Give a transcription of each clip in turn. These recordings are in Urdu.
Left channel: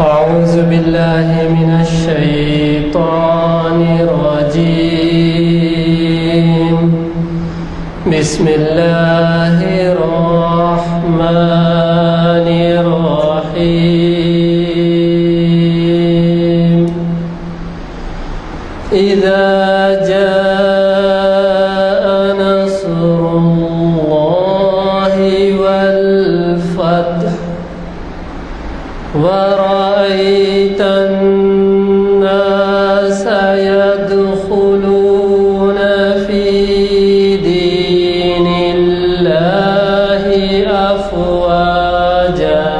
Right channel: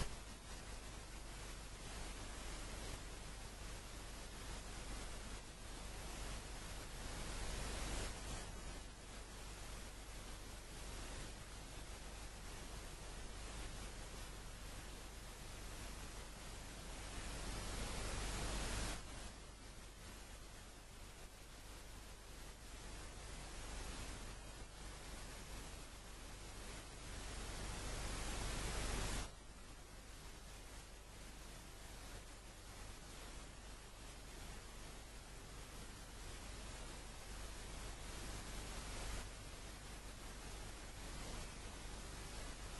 أعوذ بالله من الشيطان الرجيم بسم الله الرحمن الرحيم إذا جاء نصر الله والفتح ورأيت الناس يدخلون في دين الله أفواجا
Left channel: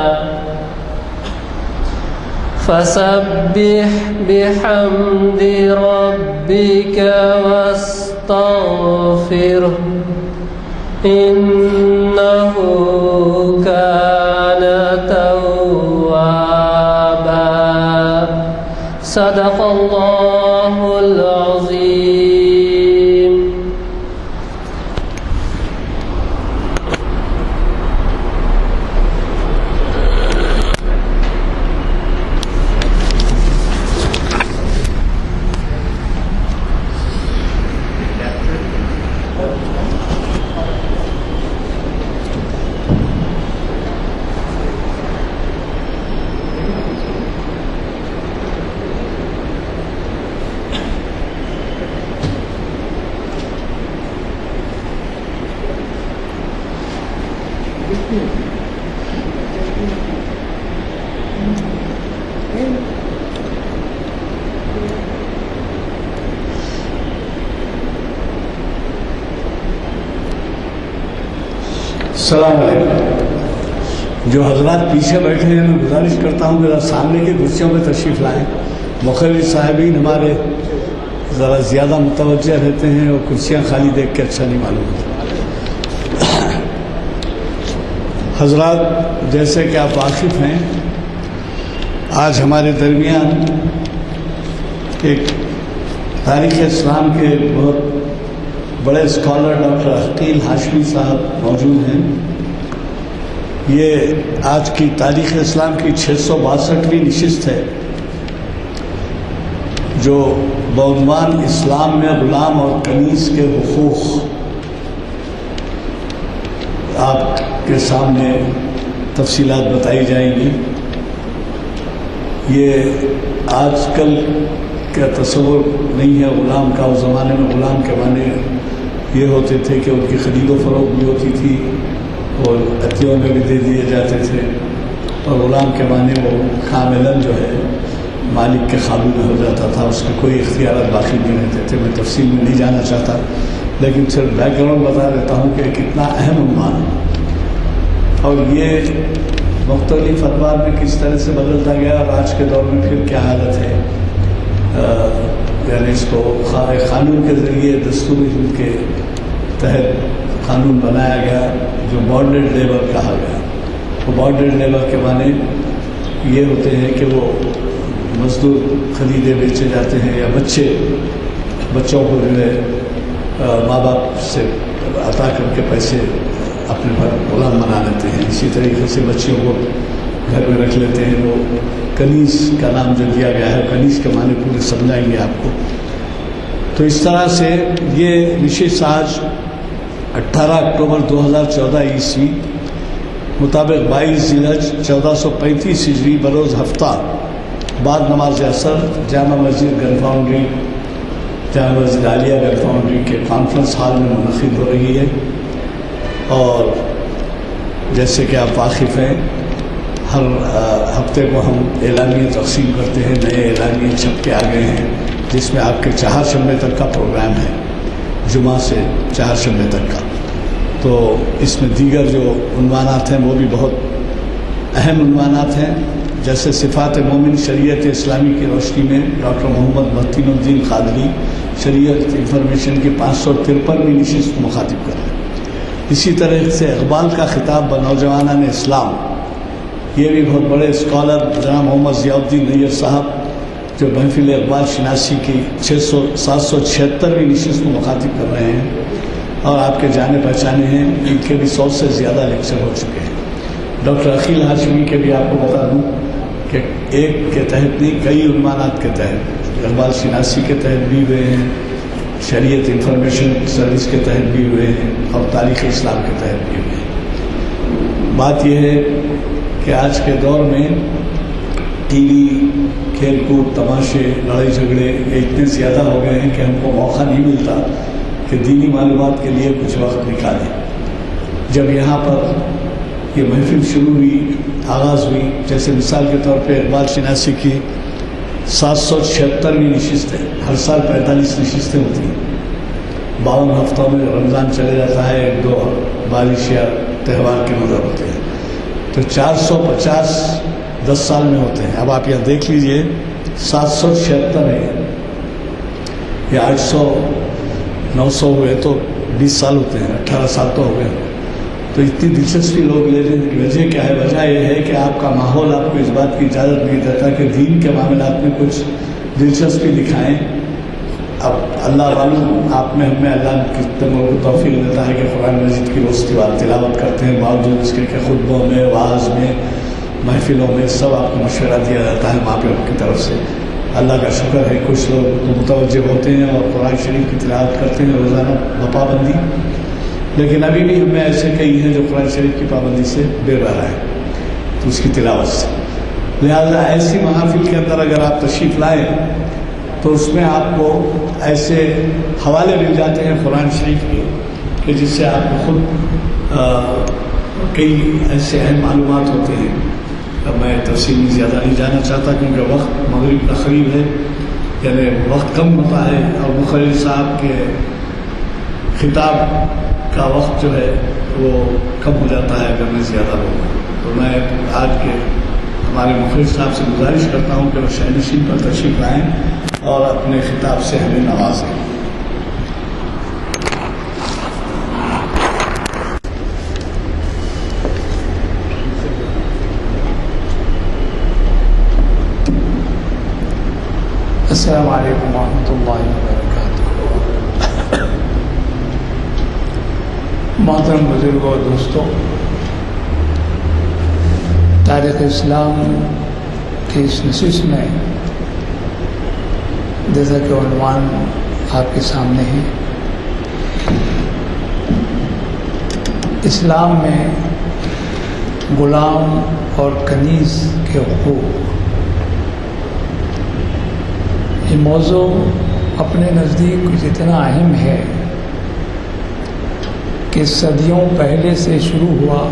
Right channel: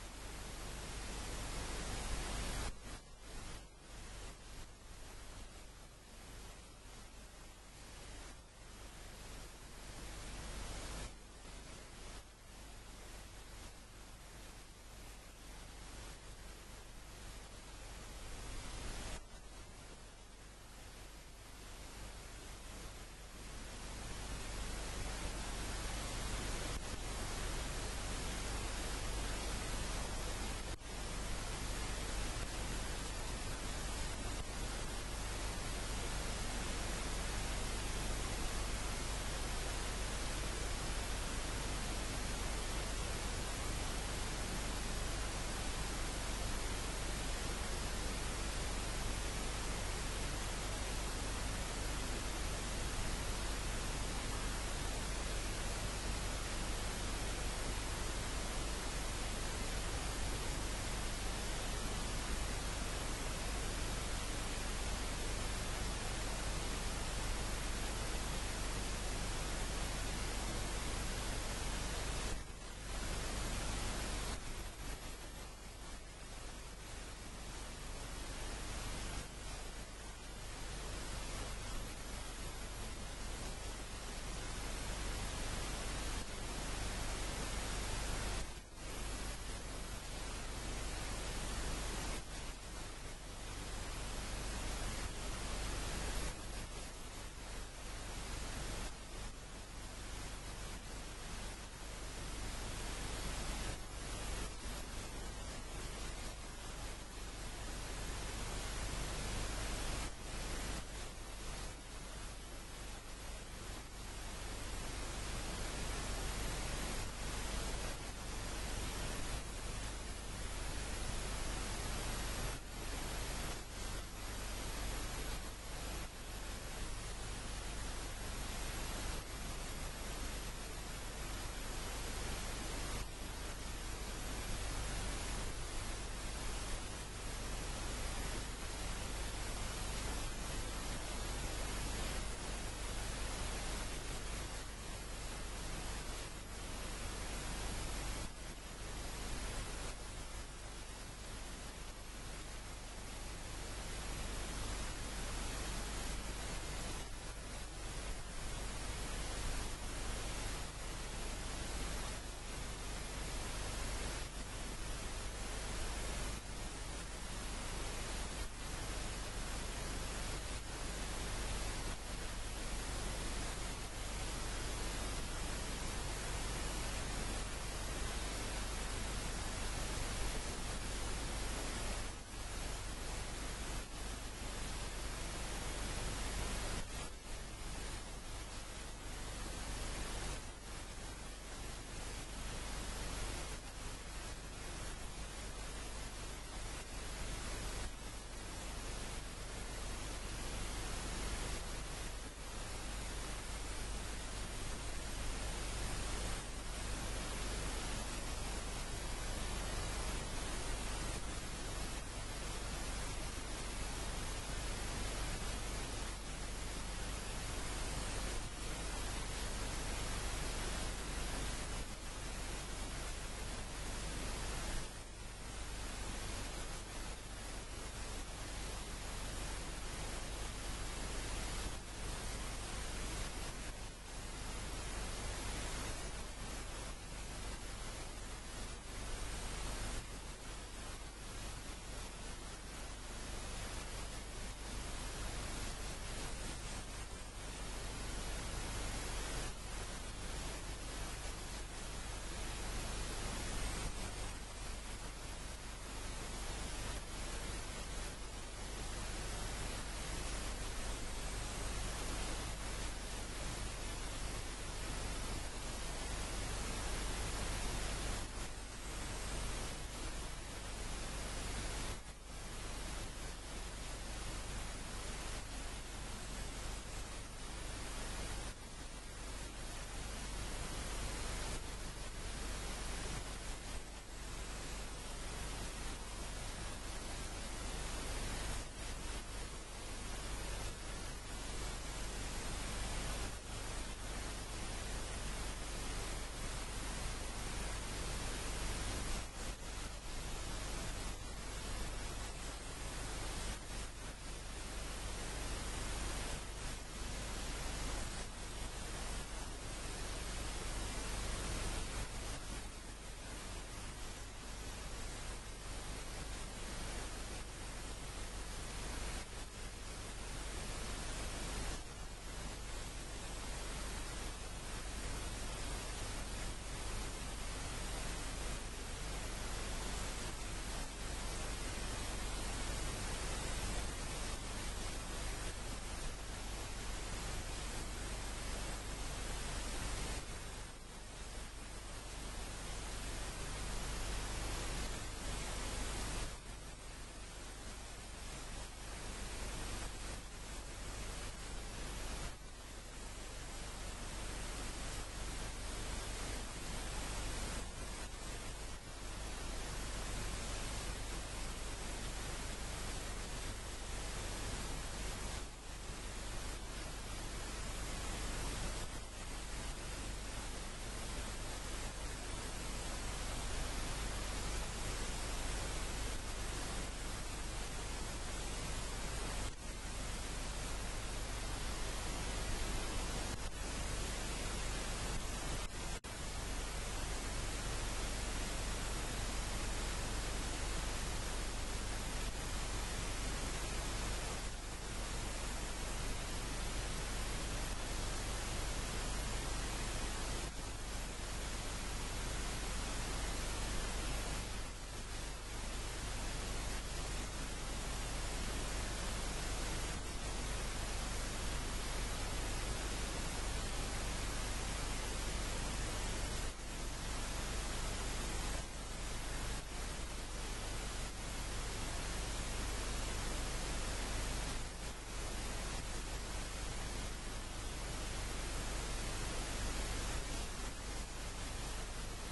فسبح بحمد ربك واستغفره إنه كان توابا صدق الله العظيم. السلام علیکم. جو حضرات پیچھے بیٹھے ہیں میں گزارش کرتا ہوں کہ سامنے کی کرسیوں میں تشریف لائیں. مخرج صاحبین ہمارے ذرا زیادہ متوجہ رہتے ہیں اور کرسیاں خالی دیکھ کے اچھا نہیں معلوم ہوتا. حضرات جیسے کہ آپ واقف ہیں، آج ہمارے درمیان ایک تاریخ اسلام کے بہت بڑے اسکالر ڈاکٹر عقیل ہاشمی صاحب موجود ہیں. یہ آج کی تاریخ اسلام کی 662ویں نشست ہے جو بعنوان اسلام میں غلام اور کنیز کے حقوق آپ کے سامنے تفصیلات بتائی جائیں گی. یہ آج کل کا تصور نہیں ہے غلام کا. اس زمانے میں غلام کے معنی یہ ہوتے تھے کہ ان کی خرید و فروخت بھی ہوتی تھی اور عطیوں میں بھی دے دیے جاتے تھے، اور غلام کے معنی وہ کاملاً جو ہے مالک کے قابو میں ہو جاتا تھا، اس کے کوئی اختیارات باقی نہیں رہتے تھے. میں تفصیل میں نہیں جانا چاہتا، لیکن صرف بیک گراؤنڈ بتا دیتا ہوں کہ کتنا اہم عنوان ہے اور یہ مختلف ادوار میں کس طرح سے بدلتا گیا اور آج کے دور میں پھر کیا حالت ہے. یعنی اس کو قانون کے ذریعے دستوری حدود کے تحت قانون بنایا گیا جو بانڈڈ لیبر کہا گیا. وہ بانڈڈ لیبر کے معنی یہ ہوتے ہیں کہ وہ مزدور خریدے بیچے جاتے ہیں یا بچوں کو جو ہے ماں باپ سے عطا کر کے پیسے اپنے پر غلام بنا لیتے ہیں. اسی طریقے سے بچیوں کو گھر میں رکھ لیتے ہیں. وہ کنیز کا نام جو دیا گیا ہے، کنیز کے معنی پورے سمجھائیں گے آپ کو. تو اس طرح سے یہ نشست آج 18 اکتوبر 2014 عیسوی مطابق 22 ذی الحج 1435 ہجری بروز ہفتہ بعد نماز عصر جامع مسجد گن فاؤنڈری، جامع مسجد عالیہ گن فاؤنڈری کے کانفرنس ہال میں منعقد ہو رہی ہے. اور جیسے کہ آپ واقف ہیں، ہر ہفتے کو ہم اعلامیے تقسیم کرتے ہیں. نئے اعلامیے چھپ کے آ گئے ہیں جس میں آپ کے چہارشنبے تک کا پروگرام ہے، جمعہ سے چہارشنبے تک کا. تو اس میں دیگر جو عنوانات ہیں وہ بھی بہت اہم عنوانات ہیں، جیسے صفات مومن شریعت اسلامی کی روشنی میں ڈاکٹر محمد متین الدین قادری شریعت انفارمیشن کی 553ویں نشست مخاطب کر رہے ہیں. اسی طرح سے اقبال کا خطاب بنوجوانان اسلام، یہ بھی بہت بڑے اسکالر جناب محمد ضیاء الدین نیّر صاحب جو محفل اقبال شناسی کی 776ویں نشست کو مخاطب کر رہے ہیں، اور آپ کے جانے پہچانے ہیں. ان کے بھی 100 سے زیادہ لیکچر ہو چکے ہیں. ڈاکٹر عقیل ہاشمی کے بھی آپ کو بتا دوں کہ ایک کے تحت نہیں کئی عنوانات کے تحت، اقبال شناسی کے تحت بھی ہوئے ہیں، شریعت انفارمیشن سروس کے تحت بھی ہوئے ہیں، اور تاریخ اسلام کے تحت بھی ہوئے ہیں۔ بات یہ ہے کہ آج کے دور میں ٹی وی، کھیل کود، تماشے، لڑائی جھگڑے یہ اتنے زیادہ ہو گئے ہیں کہ ہم کو موقع نہیں ملتا کہ دینی معلومات کے لیے کچھ وقت نکالیں۔ جب یہاں پر یہ محفل شروع ہوئی، آغاز ہوئی، جیسے مثال کے طور پہ اقبال شناسی کی 776ویں نشست ہے، ہر سال 45 نشستیں ہوتی ہیں، 52 ہفتوں میں رمضان چلے جاتا ہے، 1-2 بارش یا تہوار کے نظر ہوتے ہیں، تو 450 10 سال میں ہوتے ہیں۔ اب آپ یہاں دیکھ لیجئے 776 ہے یا 800 900 ہوئے تو 20 سال ہوتے ہیں، 18 سال تو ہو گئے۔ تو اتنی دلچسپی لوگ لے لینے کی وجہ کیا ہے؟ وجہ یہ ہے کہ آپ کا ماحول آپ کو اس بات کی اجازت نہیں دیتا کہ دین کے معاملات میں کچھ دلچسپی دکھائیں۔ اب اللہ والوں آپ میں ہمیں اللہ کی توفیق دیتا ہے کہ قرآن مجید کی روز تلاوت کرتے ہیں، باوجود اس کے کہ خطبوں میں، وعظ میں، محفلوں میں سب آپ کو مشورہ دیا جاتا ہے ماں باپ کی طرف سے۔ اللہ کا شکر ہے کچھ لوگ متوجہ ہوتے ہیں اور قرآن شریف کی تلاوت کرتے ہیں روزانہ بپابندی، لیکن ابھی بھی ہمیں ایسے کئی ہیں جو قرآن شریف کی پابندی سے بے بہرا ہے، تو اس کی تلاوت سے۔ لہذا ایسی محافل کے اندر اگر آپ تشریف لائیں تو اس میں آپ کو ایسے حوالے مل جاتے ہیں قرآن شریف کے کہ جس سے آپ کو خود کئی ایسے اہم معلومات ہوتے ہیں۔ اب میں تفصیل میں زیادہ نہیں جانا چاہتا کیونکہ وقت مغرب کا قریب ہے، یعنی وقت کم ہوتا ہے اور مخرج صاحب کے خطاب کا وقت جو ہے وہ کم ہو جاتا ہے اگر میں زیادہ ہوں۔ تو میں آج کے ہمارے مخرج صاحب سے گزارش کرتا ہوں کہ وہ شہنشین پر تشریف لائیں اور اپنے خطاب سے ہمیں نوازیں۔ السلام علیکم ورحمۃ اللہ وبرکاتہ۔ محترم بزرگوں اور دوستوں، تاریخ اسلام کی اس نشست میں جیسا کہ عنوان آپ کے سامنے ہے، اسلام میں غلام اور کنیز کے حقوق، یہ موضوع اپنے نزدیک کچھ اتنا اہم ہے کہ صدیوں پہلے سے شروع ہوا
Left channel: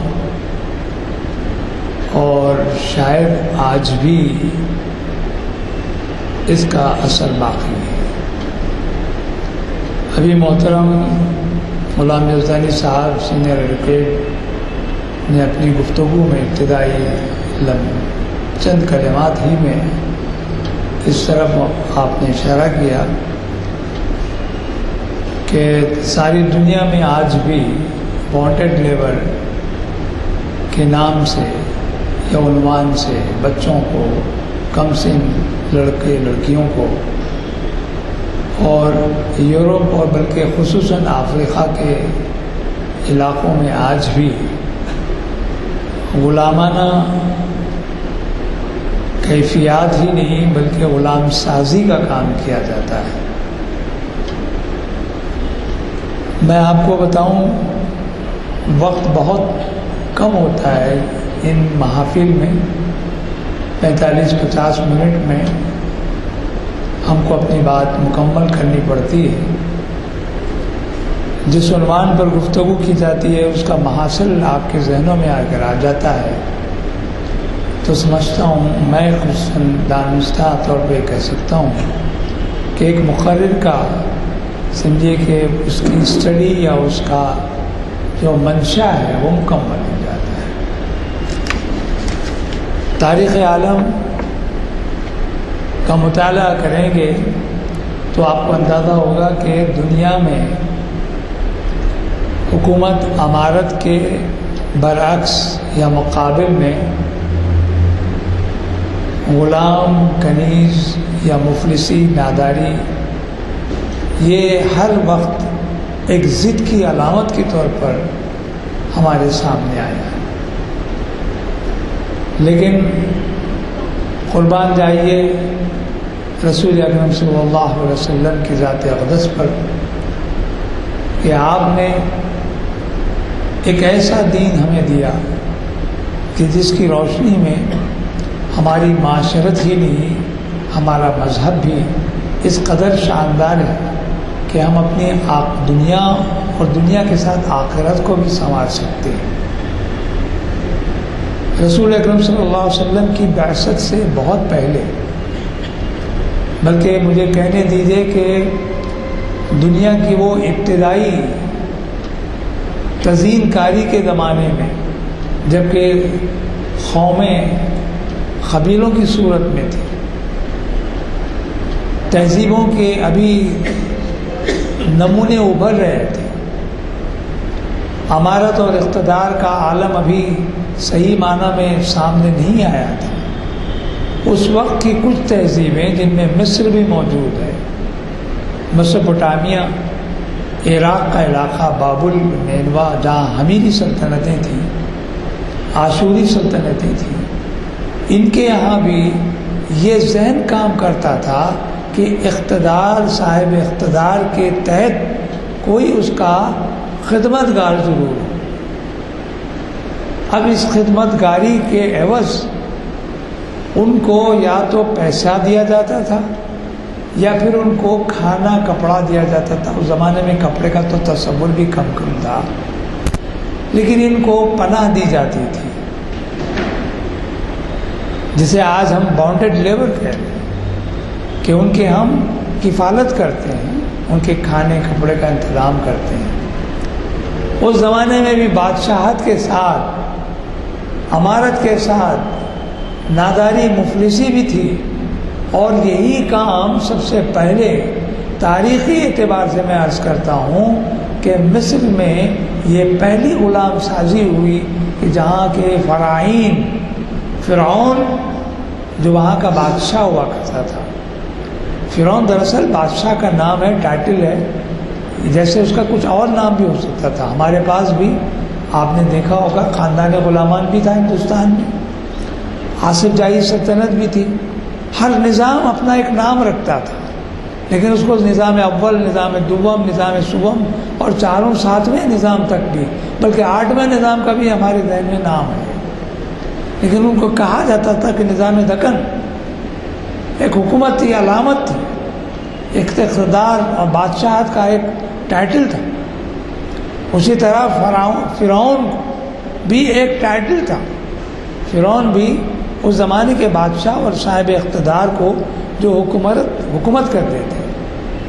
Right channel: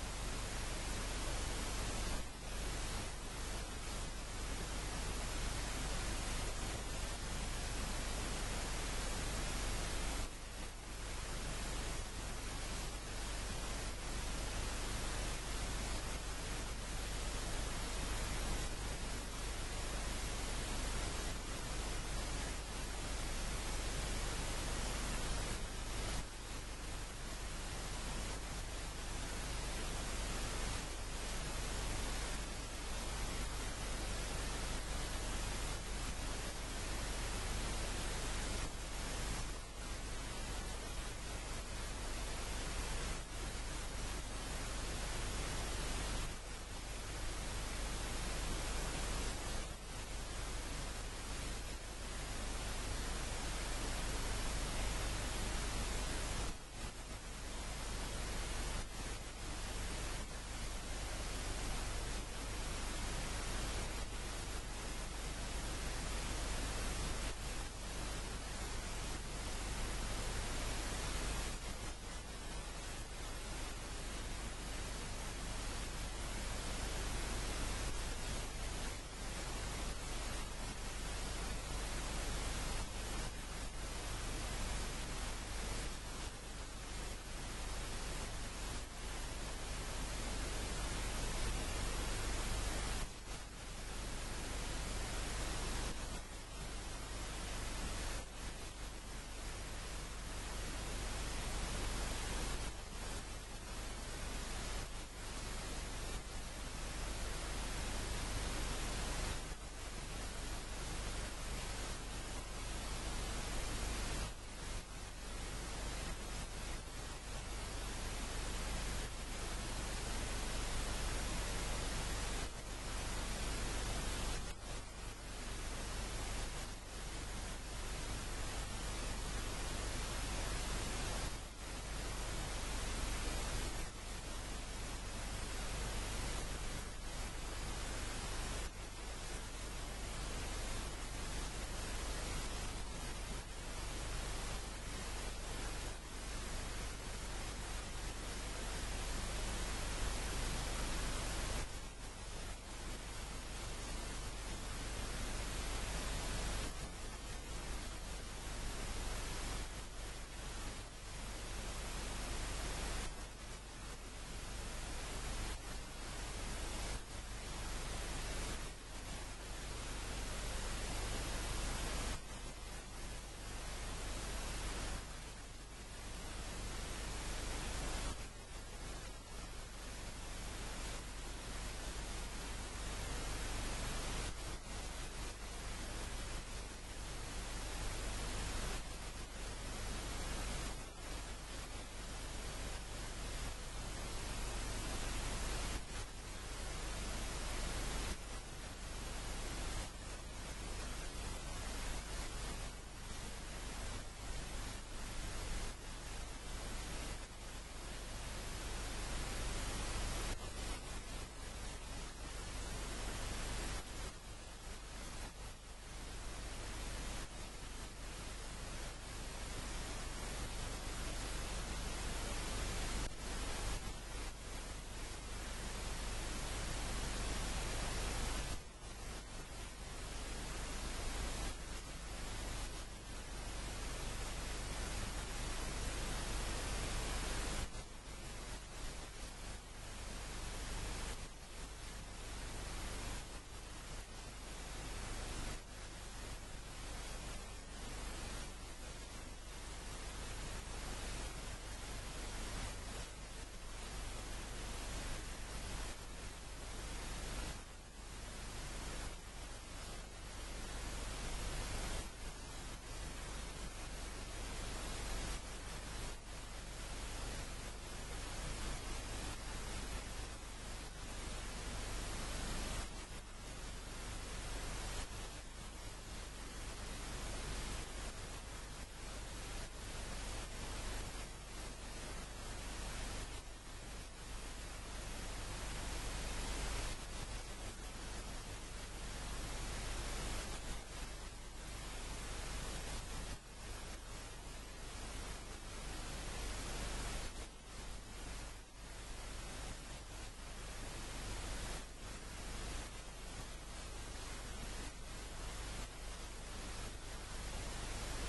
اور شاید آج بھی اس کا اثر باقی ہے۔ ابھی محترم غلام یزدانی صاحب سینئر ایڈوکیٹ نے اپنی گفتگو میں ابتدائی چند کلمات ہی میں اس طرف آپ نے اشارہ کیا کہ ساری دنیا میں آج بھی وانٹڈ لیبر کے نام سے یا عنوان سے بچوں کو، کم سن لڑکے لڑکیوں کو، اور یورپ اور بلکہ خصوصاً افریقہ کے علاقوں میں آج بھی غلامانہ کیفیات ہی نہیں بلکہ غلام سازی کا کام کیا جاتا ہے۔ میں آپ کو بتاؤں، وقت بہت کم ہوتا ہے ان محافل میں، 45-50 منٹ میں ہم کو اپنی بات مکمل کرنی پڑتی ہے۔ جس عنوان پر گفتگو کی جاتی ہے اس کا محاصل آپ کے ذہنوں میں اگر آ جاتا ہے تو سمجھتا ہوں، میں خصوصاً دانستہ طور پہ کہہ سکتا ہوں کہ ایک مقرر کا سمجھیے کہ اس کی اسٹڈی یا اس کا جو منشا ہے وہ مکمل ہو جاتا ہے۔ تاریخ عالم کا مطالعہ کریں گے تو آپ کو اندازہ ہوگا کہ دنیا میں حکومت امارت کے برعکس یا مقابل میں غلام، کنیز یا مفلسی، ناداری، یہ ہر وقت ایک ضد کی علامت کے طور پر ہمارے سامنے آیا ہے۔ لیکن قربان جائیے رسول اکرم صلی اللہ علیہ وسلم کی ذات اقدس پر کہ آپ نے ایک ایسا دین ہمیں دیا کہ جس کی روشنی میں ہماری معاشرت ہی نہیں ہمارا مذہب بھی اس قدر شاندار ہے کہ ہم اپنی دنیا اور دنیا کے ساتھ آخرت کو بھی سنوار سکتے ہیں۔ رسول اکرم صلی اللہ علیہ وسلم کی بعثت سے بہت پہلے، بلکہ مجھے کہنے دیجیے کہ دنیا کی وہ ابتدائی تزئین کاری کے زمانے میں جبکہ قومیں قبیلوں کی صورت میں تھی، تہذیبوں کے ابھی نمونے ابھر رہے تھے، امارت اور اقتدار کا عالم ابھی صحیح معنی میں سامنے نہیں آیا تھا۔ اس وقت کی کچھ تہذیبیں جن میں مصر بھی موجود ہے، میسوپوٹامیہ، عراق کا علاقہ، بابل، نینوا، جہاں حمیری سلطنتیں تھیں، آشوری سلطنتیں تھیں، ان کے یہاں بھی یہ ذہن کام کرتا تھا کہ اقتدار، صاحب اقتدار کے تحت کوئی اس کا خدمت گار ضرور ہو۔ اب اس خدمت گاری کے عوض ان کو یا تو پیسہ دیا جاتا تھا یا پھر ان کو کھانا کپڑا دیا جاتا تھا۔ اس زمانے میں کپڑے کا تو تصور بھی کم تھا، لیکن ان کو پناہ دی جاتی تھی جسے آج ہم بانڈڈ لیبر کہتے ہیں، کہ ان کے ہم کفالت کرتے ہیں، ان کے کھانے کپڑے کا انتظام کرتے ہیں۔ اس زمانے میں بھی بادشاہت کے ساتھ، امارت کے ساتھ ناداری، مفلسی بھی تھی، اور یہی کام سب سے پہلے تاریخی اعتبار سے میں عرض کرتا ہوں کہ مصر میں یہ پہلی غلام سازی ہوئی کہ جہاں کے فرعین، فرعون جو وہاں کا بادشاہ ہوا کرتا تھا۔ فرعون دراصل بادشاہ کا نام ہے، ٹائٹل ہے، جیسے اس کا کچھ اور نام بھی ہو سکتا تھا۔ ہمارے پاس بھی آپ نے دیکھا ہوگا خاندان غلامان بھی تھا ہندوستان میں، آصف جاہی سلطنت بھی تھی۔ ہر نظام اپنا ایک نام رکھتا تھا، لیکن اس کو نظام اول، نظام دوم، نظام سوم اور چاروں ساتویں نظام تک بھی، بلکہ آٹھویں نظام کا بھی ہمارے ذہن میں نام ہے، لیکن ان کو کہا جاتا تھا کہ نظام دکن ایک حکومت تھی، علامت تھی، ایک اقتدار اور بادشاہت کا ایک ٹائٹل تھا۔ اسی طرح فرعون بھی ایک ٹائٹل تھا۔ فرعون بھی اس زمانے کے بادشاہ اور صاحب اقتدار کو جو حکومت کرتے تھے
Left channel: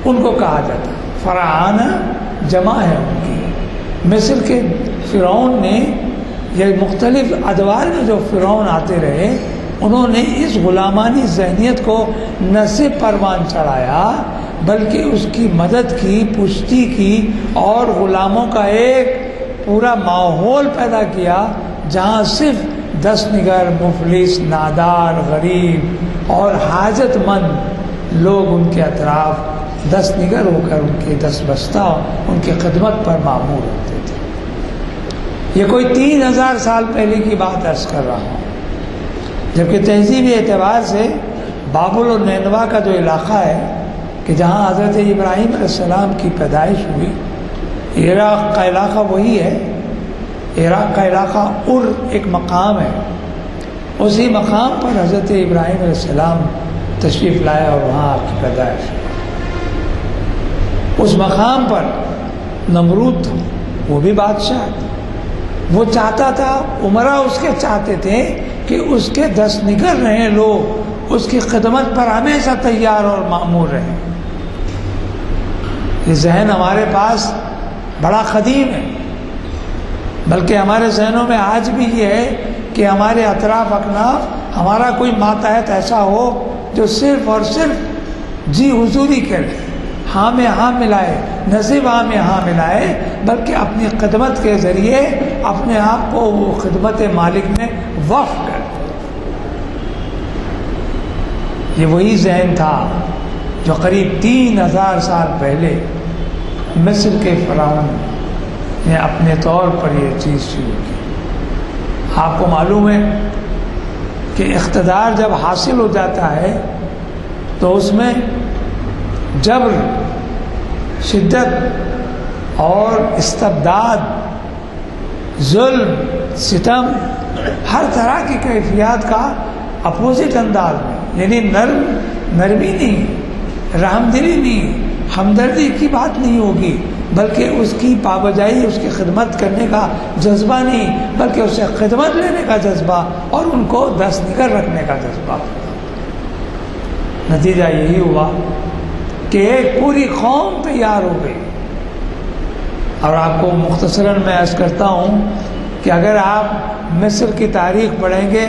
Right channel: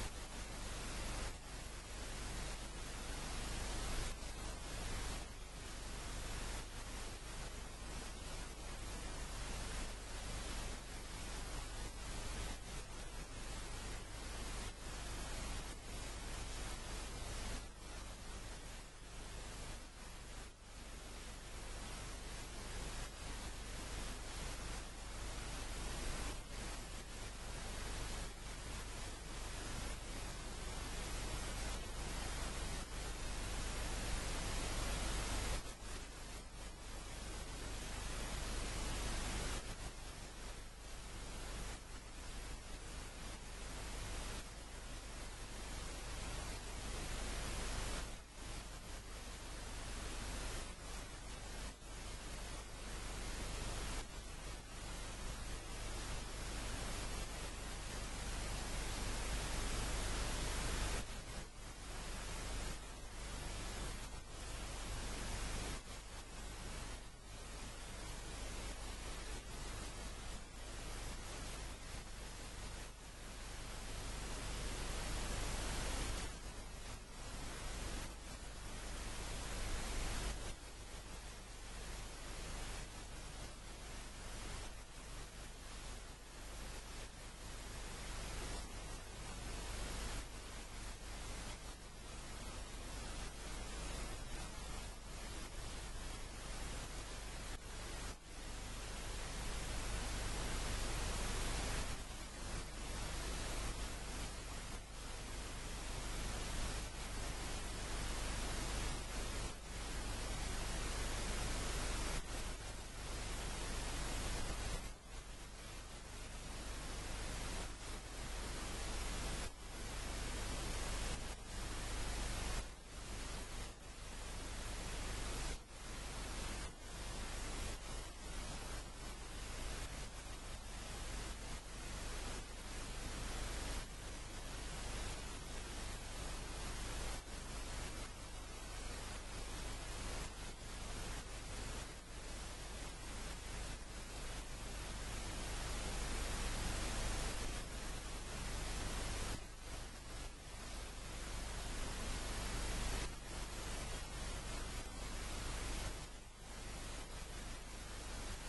ان کو کہا جاتا۔ فرعانہ جمع ہے ان کی۔ مصر کے فرعون نے، یہ مختلف ادوار میں جو فرعون آتے رہے، انہوں نے اس غلامانی ذہنیت کو نہ صرف پروان چڑھایا بلکہ اس کی مدد کی، پشتی کی، اور غلاموں کا ایک پورا ماحول پیدا کیا جہاں صرف دس نگر، مفلس، نادار، غریب اور حاجت مند لوگ ان کے اطراف دس نگر ہو کر ان کے دس بستہ ان کی خدمت پر معمور ہوتے تھے۔ یہ کوئی 3000 سال پہلے کی بات عرض کر رہا ہوں، جبکہ تہذیبی اعتبار سے بابل اور نینوا کا جو علاقہ ہے کہ جہاں حضرت ابراہیم علیہ السلام کی پیدائش ہوئی، عراق کا علاقہ وہی ہے۔ عراق کا علاقہ ایک مقام ہے، اسی مقام پر حضرت ابراہیم علیہ السلام تشریف لائے اور وہاں آپ کی پیدائش۔ اس مقام پر نمرود تھا، وہ بھی بادشاہ تھا۔ وہ چاہتا تھا، عمرا اس کے چاہتے تھے کہ اس کے 10 نگر رہیں لوگ اس کی خدمت پر ہمیشہ تیار اور مامور رہیں۔ یہ ذہن ہمارے پاس بڑا قدیم ہے، بلکہ ہمارے ذہنوں میں آج بھی یہ ہے کہ ہمارے اطراف اکناف ہمارا کوئی ماتحت ایسا ہو جو صرف اور صرف جی حضوری کرے، ہاں میں ہاں ملائے، نہ صرف ہاں میں ہاں ملائے بلکہ اپنی خدمت کے ذریعے اپنے آپ کو وہ خدمت مالک میں وقف کر۔ یہ وہی ذہن تھا جو قریب 3000 سال پہلے مصر کے فرعون نے اپنے طور پر یہ چیز شروع کی۔ آپ کو معلوم ہے کہ اقتدار جب حاصل ہو جاتا ہے تو اس میں جبر، شدت اور استبداد، ظلم، ستم، ہر طرح کی کیفیات کا اپوزٹ انداز میں، یعنی نرمی نہیں، رحم دلی نہیں، ہمدردی کی بات نہیں ہوگی، بلکہ اس کی پابجائی، اس کی خدمت کرنے کا جذبہ نہیں، بلکہ اسے خدمت لینے کا جذبہ اور ان کو دست نگر رکھنے کا جذبہ۔ نتیجہ یہی ہوا کہ ایک پوری قوم تیار ہو گئی۔ اور آپ کو مختصراً میں عرض کرتا ہوں کہ اگر آپ مصر کی تاریخ پڑھیں گے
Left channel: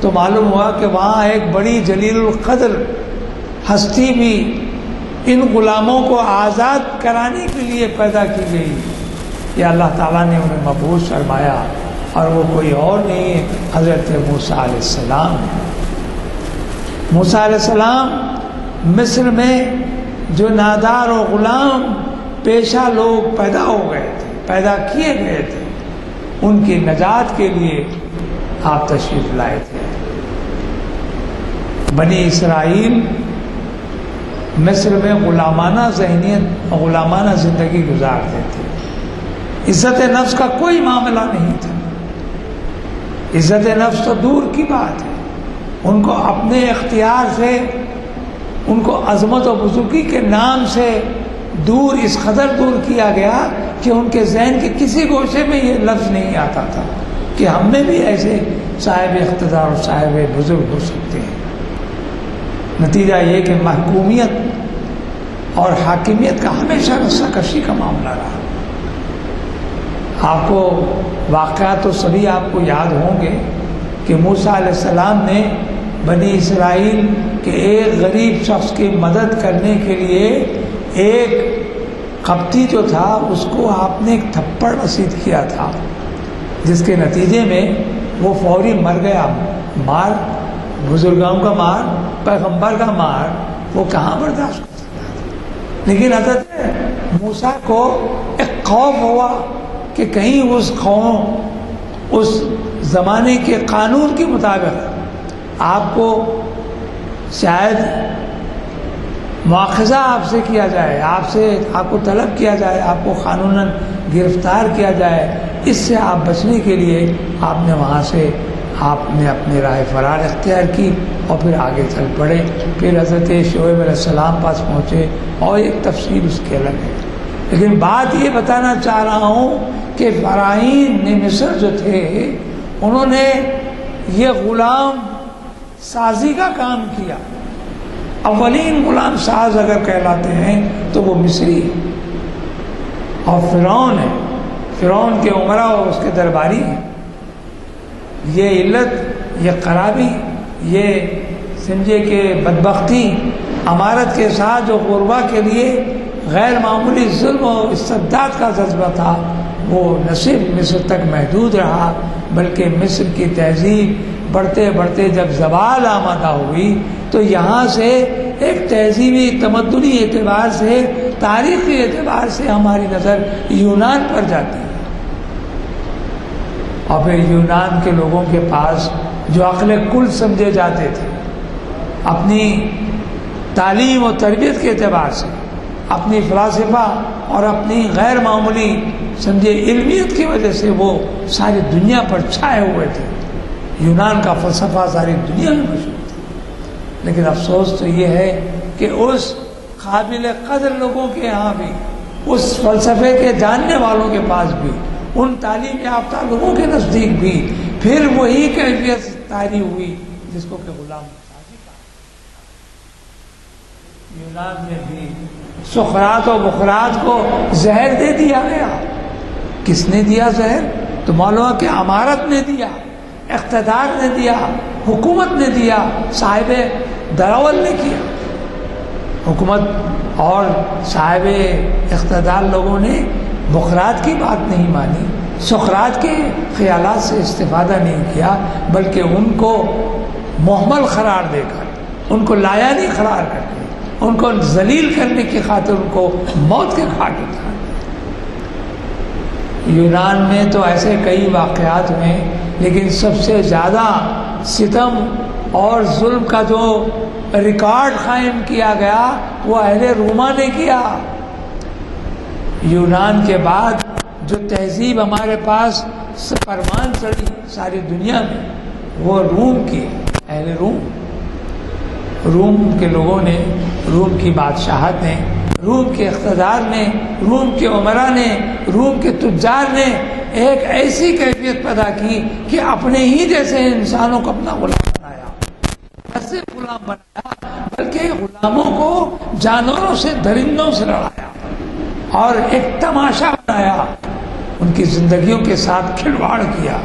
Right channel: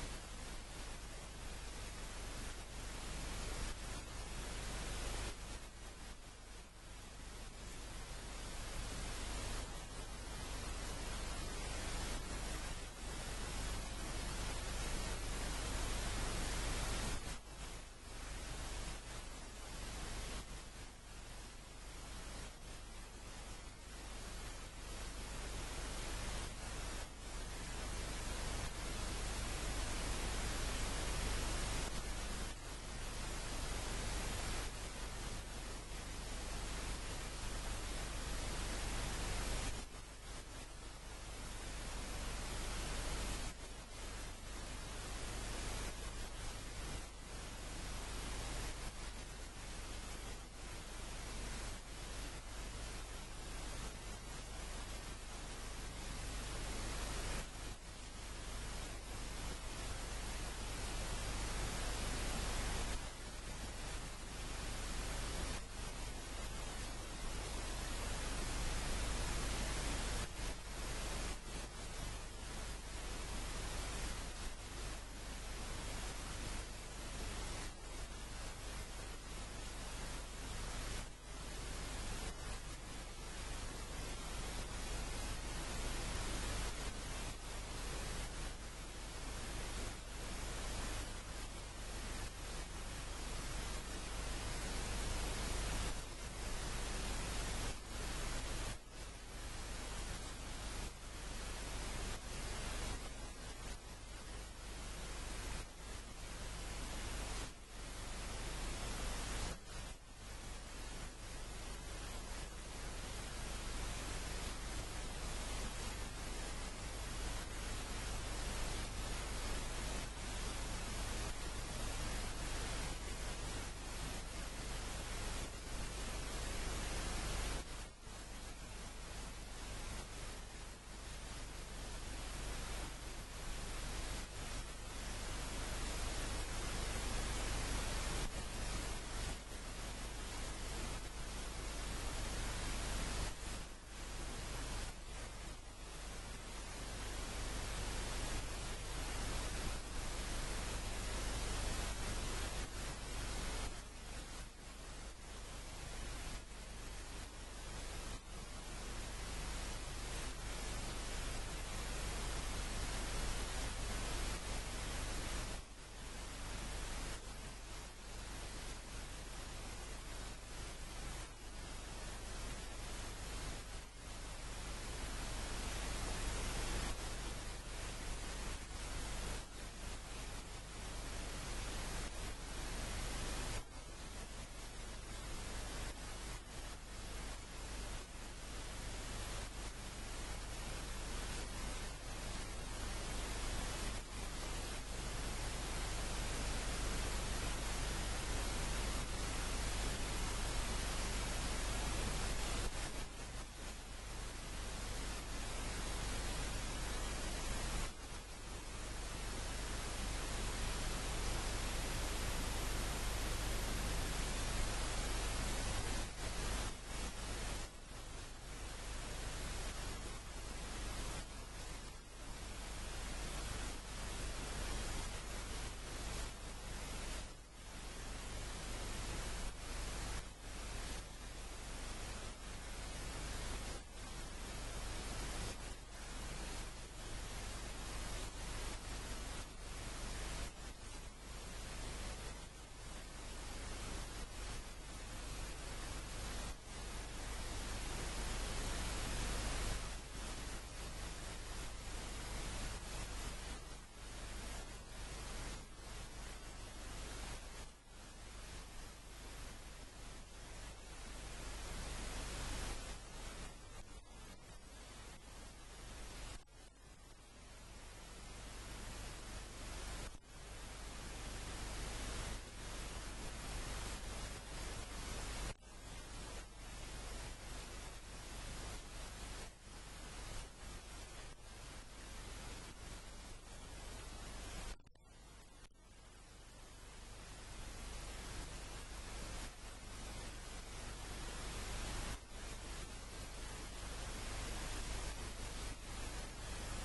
تو معلوم ہوا کہ وہاں ایک بڑی جلیل القدر ہستی بھی ان غلاموں کو آزاد کرانے کے لیے پیدا کی گئی۔ یہ اللہ تعالیٰ نے انہیں مبعوث فرمایا، اور وہ کوئی اور نہیں ہے، حضرت موسیٰ علیہ السلام۔ موسیٰ علیہ السلام مصر میں جو نادار و غلام پیشہ لوگ پیدا ہو گئے تھے، پیدا کیے گئے تھے، ان کی نجات کے لیے آپ تشریف لائے تھے۔ بنی اسرائیل مصر میں غلامانہ ذہنیت، غلامانہ زندگی گزارتے تھے۔ عزت نفس کا کوئی معاملہ نہیں تھا، عزت نفس تو دور کی بات ہے۔ ان کو اپنے اختیار سے، ان کو عظمت و بزرگی کے نام سے دور، اس قدر دور کیا گیا کہ ان کے ذہن کے کسی گوشے میں یہ لفظ نہیں آتا تھا کہ ہم میں بھی ایسے صاحب اقتدار اور صاحب بزرگ ہو سکتے ہیں۔ نتیجہ یہ کہ محکومیت اور حاکمیت کا ہمیشہ رسہ کشی کا معاملہ رہا۔ آپ کو واقعات تو سبھی آپ کو یاد ہوں گے کہ موسیٰ علیہ السلام نے بنی اسرائیل کے ایک غریب شخص کی مدد کرنے کے لیے ایک قبطی جو تھا اس کو آپ نے ایک تھپڑ رسید کیا تھا، جس کے نتیجے میں وہ فوری مر گیا۔ مار، بزرگوں کا مار، پیغمبر کا مار، وہ کہاں برداشت کر سکتا تھا؟ لیکن حضرت موسیٰ کو ایک خوف ہوا کہ کہیں اس قوم، اس زمانے کے قانون کے مطابق آپ کو شاید مواخذہ آپ سے کیا جائے، آپ کو طلب کیا جائے، آپ کو قانوناً گرفتار کیا جائے۔ اس سے آپ بچنے کے لیے آپ نے وہاں سے آپ نے اپنے راہ فرار اختیار کی اور پھر آگے چل پڑے۔ پھر حضرت شعیب علیہ السلام پاس پہنچے، اور ایک تفصیل اس کے الگ ہے۔ لیکن بات یہ بتانا چاہ رہا ہوں کہ فراعین نے مصر جو تھے، انہوں نے یہ غلام سازی کا کام کیا۔ اولین غلام ساز اگر کہلاتے ہیں تو وہ مصری اور فرعون ہے، فرعون کے عمرا اور اس کے درباری ہیں۔ یہ علت، یہ خرابی، یہ سمجھے کہ بدبختی، امارت کے ساتھ جو غربا کے لیے غیر معمولی ظلم و استبداد کا جذبہ تھا، وہ نہ صرف مصر تک محدود رہا، بلکہ مصر کی تہذیب بڑھتے بڑھتے جب زوال آمدہ ہوئی تو یہاں سے ایک تہذیبی تمدنی اعتبار سے، تاریخی اعتبار سے ہماری نظر یونان پر جاتی ہے۔ اور پھر یونان کے لوگوں کے پاس جو عقل کل سمجھے جاتے تھے، اپنی تعلیم و تربیت کے اعتبار سے، اپنی فلسفہ اور اپنی غیر معمولی سمجھے علمیت کی وجہ سے وہ ساری دنیا پر چھائے ہوئے تھے۔ یونان کا فلسفہ ساری دنیا میں مشہور تھا۔ لیکن افسوس تو یہ ہے کہ اس قابل قدر لوگوں کے یہاں بھی، اس فلسفے کے جاننے والوں کے پاس بھی، ان تعلیم یافتہ لوگوں کے نزدیک بھی پھر وہی کیفیت طاری ہوئی جس کو کہ غلام سازی کہا۔ یونان میں بھی سقراط و بقراط کو زہر دے دیا گیا۔ کس نے دیا زہر؟ تو معلوم ہے کہ امارت نے دیا، اقتدار نے دیا، حکومت نے دیا، صاحب دراول نے کیا۔ حکومت اور صاحب اقتدار لوگوں نے بقراط کی بات نہیں مانی، سقراط کے خیالات سے استفادہ نہیں کیا، بلکہ ان کو محمل قرار دے کر، ان کو لایانی قرار کر کے، ان کو ذلیل کرنے کی خاطر ان کو موت کے گھاٹ اتارا۔ یونان میں تو ایسے کئی واقعات ہوئے، لیکن سب سے زیادہ ستم اور ظلم کا جو ریکارڈ قائم کیا گیا وہ اہل روما نے کیا. یونان کے بعد جو تہذیب ہمارے پاس پروان چڑھی ساری دنیا میں وہ روم کی، اہل روم کے لوگوں نے، روم کی بادشاہت نے، روم کے اقتدار نے، روم کے عمرا نے، روم کے تجار نے ایک ایسی کیفیت پیدا کی کہ اپنے ہی جیسے انسانوں کو اپنا غلام بنایا. ایسے غلام بنایا بلکہ غلاموں کو جانوروں سے، درندوں سے لڑایا اور ایک تماشا بنایا. ان کی زندگیوں کے ساتھ کھلواڑ کیا.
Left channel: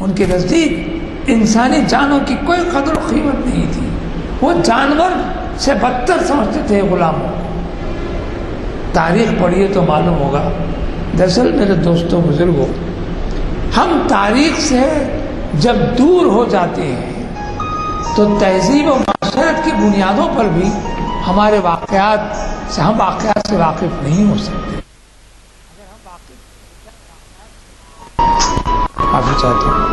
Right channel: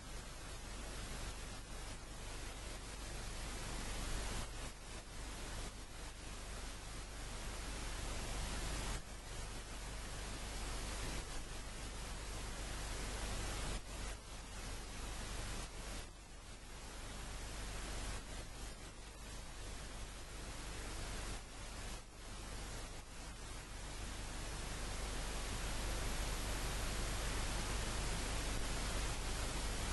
ان کے نزدیک انسانی جانوں کی کوئی قدر و قیمت نہیں تھی. وہ جانور سے بدتر سمجھتے تھے غلاموں. تاریخ پڑھیے تو معلوم ہوگا. دراصل میرے دوستوں بزرگوں، ہم تاریخ سے جب دور ہو جاتے ہیں تو تہذیب و معاشرت کی بنیادوں پر بھی ہمارے واقعات سے ہم واقعات سے واقف نہیں ہو سکتے. معافی چاہتا ہوں.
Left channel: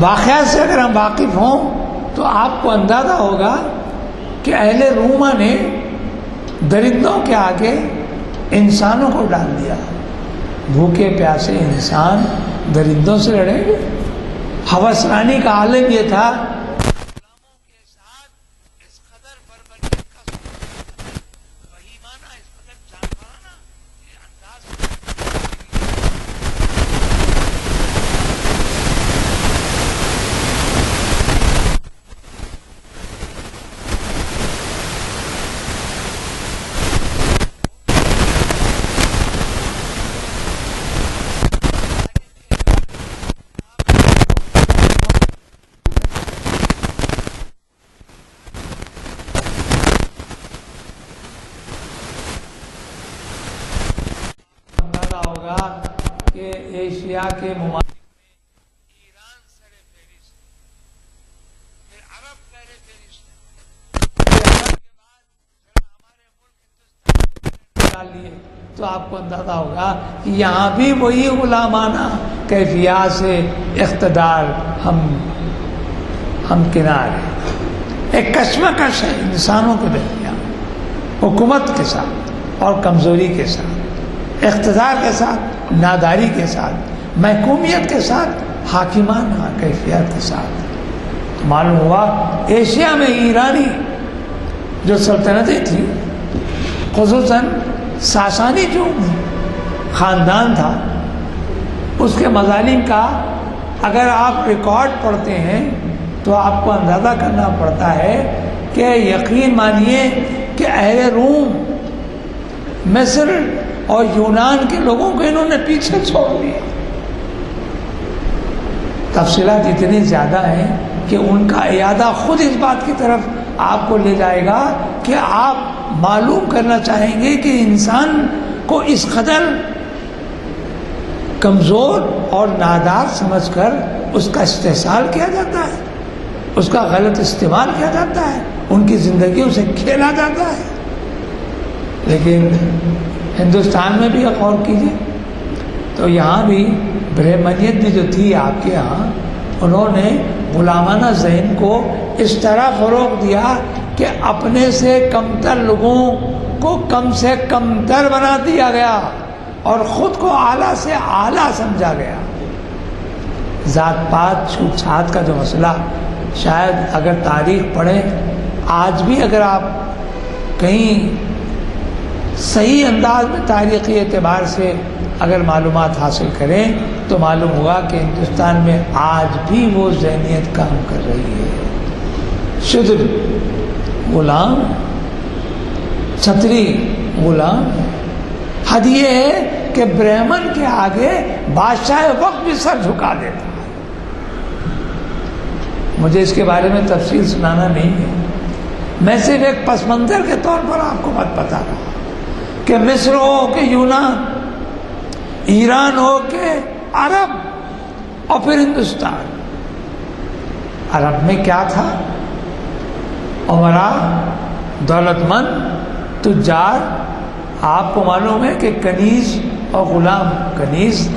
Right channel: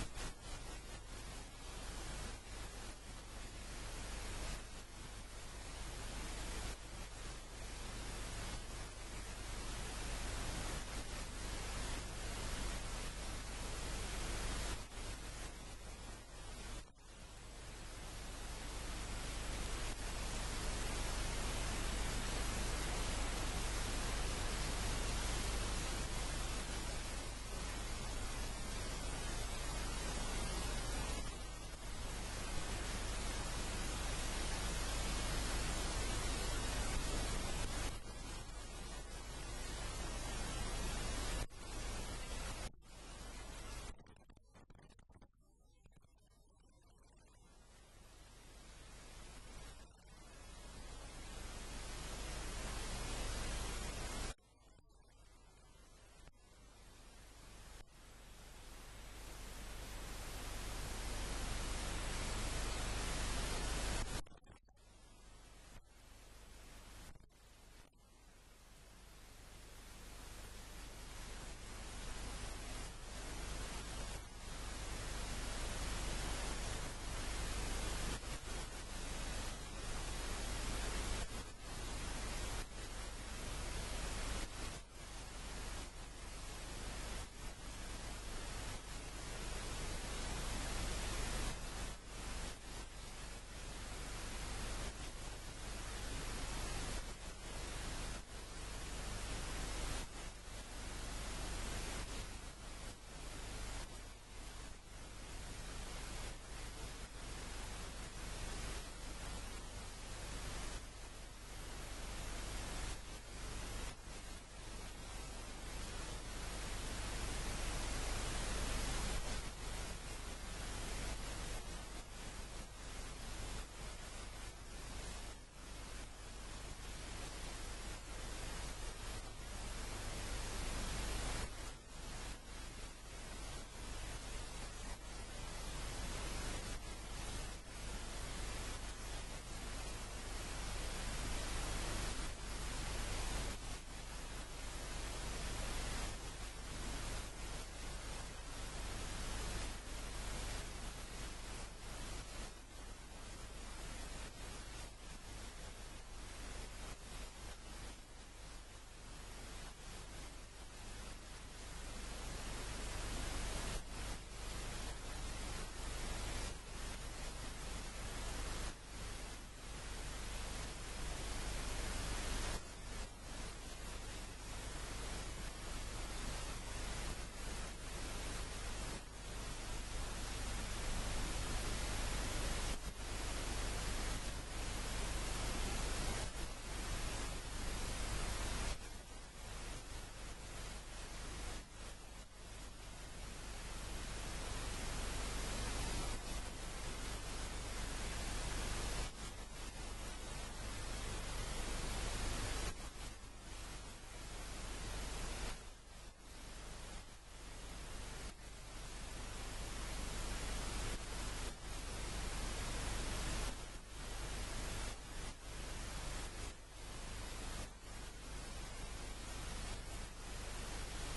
واقعات سے اگر ہم واقف ہوں تو آپ کو اندازہ ہوگا کہ اہل روما نے درندوں کے آگے انسانوں کو ڈال دیا. بھوکے پیاسے انسان درندوں سے لڑیں گے. ہوسرانی کا عالم یہ تھا کہ ایشیا کے ممالک تو آپ کو اندازہ ہوگا کہ یہاں بھی وہی غلامانہ کیفیات سے اقتدار ہم کنار ہیں. ایک کشمکش ہے انسانوں کے درمیان، حکومت کے ساتھ اور کمزوری کے ساتھ، اقتدار کے ساتھ، ناداری کے ساتھ، محکومیت کے ساتھ، حاکمانہ کیفیت کے ساتھ. معلوم ہوا ایشیا میں ایرانی جو سلطنتیں تھیں، خصوصاً ساسانی جو خاندان تھا، اس کے مظالم کا اگر آپ ریکارڈ پڑھتے ہیں تو آپ کو اندازہ کرنا پڑتا ہے کہ یقین مانیے کہ اہل روم، مصر اور یونان کے لوگوں کو انہوں نے پیچھے چھوڑ دیا. تفصیلات اتنی زیادہ ہیں کہ ان کا اعادہ خود اس بات کی طرف آپ کو لے جائے گا کہ آپ معلوم کرنا چاہیں گے کہ انسان کو اس قدر کمزور اور نادار سمجھ کر اس کا استحصال کیا جاتا ہے، اس کا غلط استعمال کیا جاتا ہے، ان کی زندگیوں سے کھیلا جاتا ہے. لیکن ہندوستان میں بھی غور کیجیے تو یہاں بھی برہمنیت بھی جو تھی آپ کے یہاں، انہوں نے غلامانہ ذہن کو اس طرح فروغ دیا کہ اپنے سے کمتر لوگوں کو کم سے کمتر بنا دیا گیا اور خود کو اعلیٰ سے اعلیٰ سمجھا گیا. ذات پات چھوت چھات کا جو مسئلہ، شاید اگر تاریخ پڑھیں آج بھی، اگر آپ کہیں صحیح انداز میں تاریخی اعتبار سے اگر معلومات حاصل کریں تو معلوم ہوگا کہ ہندوستان میں آج بھی وہ ذہنیت کام کر رہی ہے. شودر غلام، چھتری غلام. حد یہ ہے کہ برہمن کے آگے بادشاہ وقت بھی سر جھکا دیتا ہے. مجھے اس کے بارے میں تفصیل سنانا نہیں ہے، میں صرف ایک پس منظر کے طور پر آپ کو بات بتا رہا ہوں کہ مصر ہو کہ یونان، ایران ہو کہ عرب اور پھر ہندوستان. عرب میں کیا تھا؟ عمرا دولت مند تجار. آپ کو معلوم ہے کہ کنیز اور غلام، کنیز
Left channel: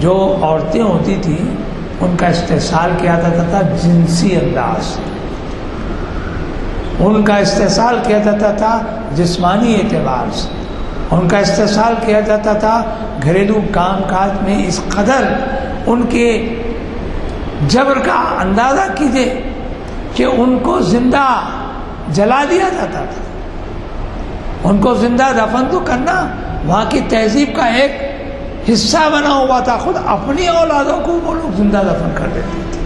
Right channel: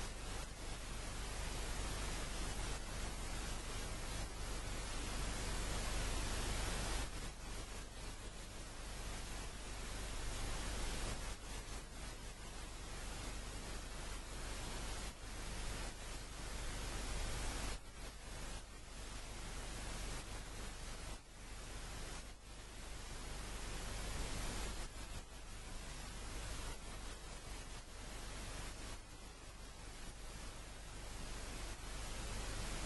جو عورتیں ہوتی تھیں ان کا استحصال کیا جاتا تھا جنسی انداز، ان کا استحصال کیا جاتا تھا جسمانی اعتبار سے، ان کا استحصال کیا جاتا تھا گھریلو کام کاج میں. اس قدر ان کے جبر کا اندازہ کیجیے کہ ان کو زندہ جلا دیا جاتا تھا. ان کو زندہ دفن تو کرنا وہاں کی تہذیب کا ایک حصہ بنا ہوا تھا. خود اپنی اولادوں کو وہ لوگ زندہ دفن کر دیتے تھے.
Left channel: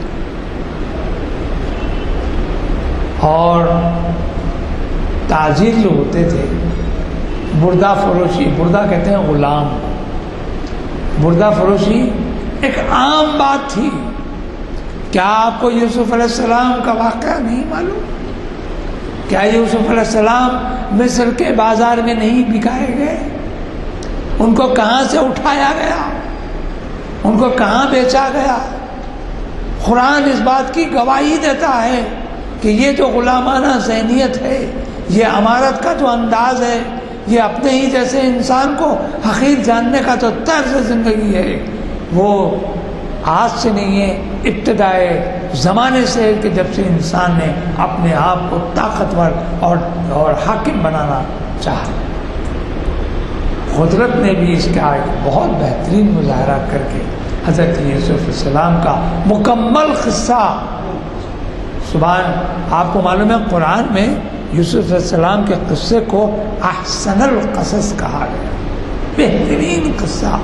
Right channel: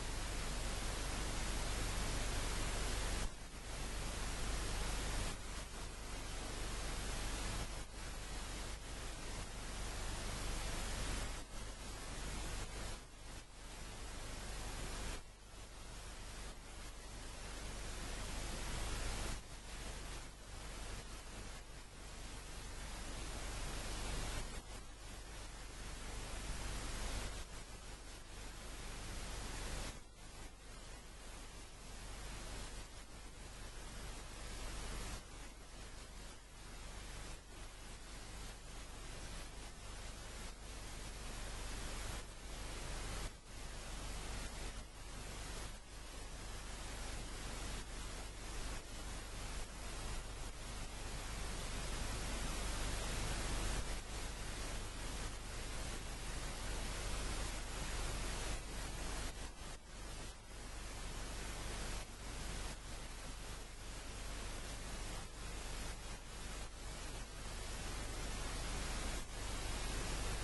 اور تاجر جو ہوتے تھے، بردہ فروشی، بردہ کہتے ہیں غلام، بردہ فروشی ایک عام بات تھی. کیا آپ کو یوسف علیہ السلام کا واقعہ نہیں معلوم؟ کیا یوسف علیہ السلام مصر کے بازار میں نہیں بکائے گئے؟ ان کو کہاں سے اٹھایا گیا؟ ان کو کہاں بیچا گیا؟ قرآن اس بات کی گواہی دیتا ہے کہ یہ جو غلامانہ ذہنیت ہے، یہ امارت کا جو انداز ہے، یہ اپنے ہی جیسے انسان کو حقیر جاننے کا جو طرز زندگی ہے، وہ آج سے نہیں ہے، ابتدائے زمانے سے، کہ جب سے انسان نے اپنے آپ کو طاقتور اور حاکم بنانا چاہا. قدرت نے بھی اس کا ایک بہت بہترین مظاہرہ کر کے حضرت یوسف علیہ السلام کا مکمل قصہ. سبحان، آپ کو معلوم ہے قرآن میں یوسف علیہ السلام کے قصے کو احسن القصص کہا گیا، بہترین قصہ.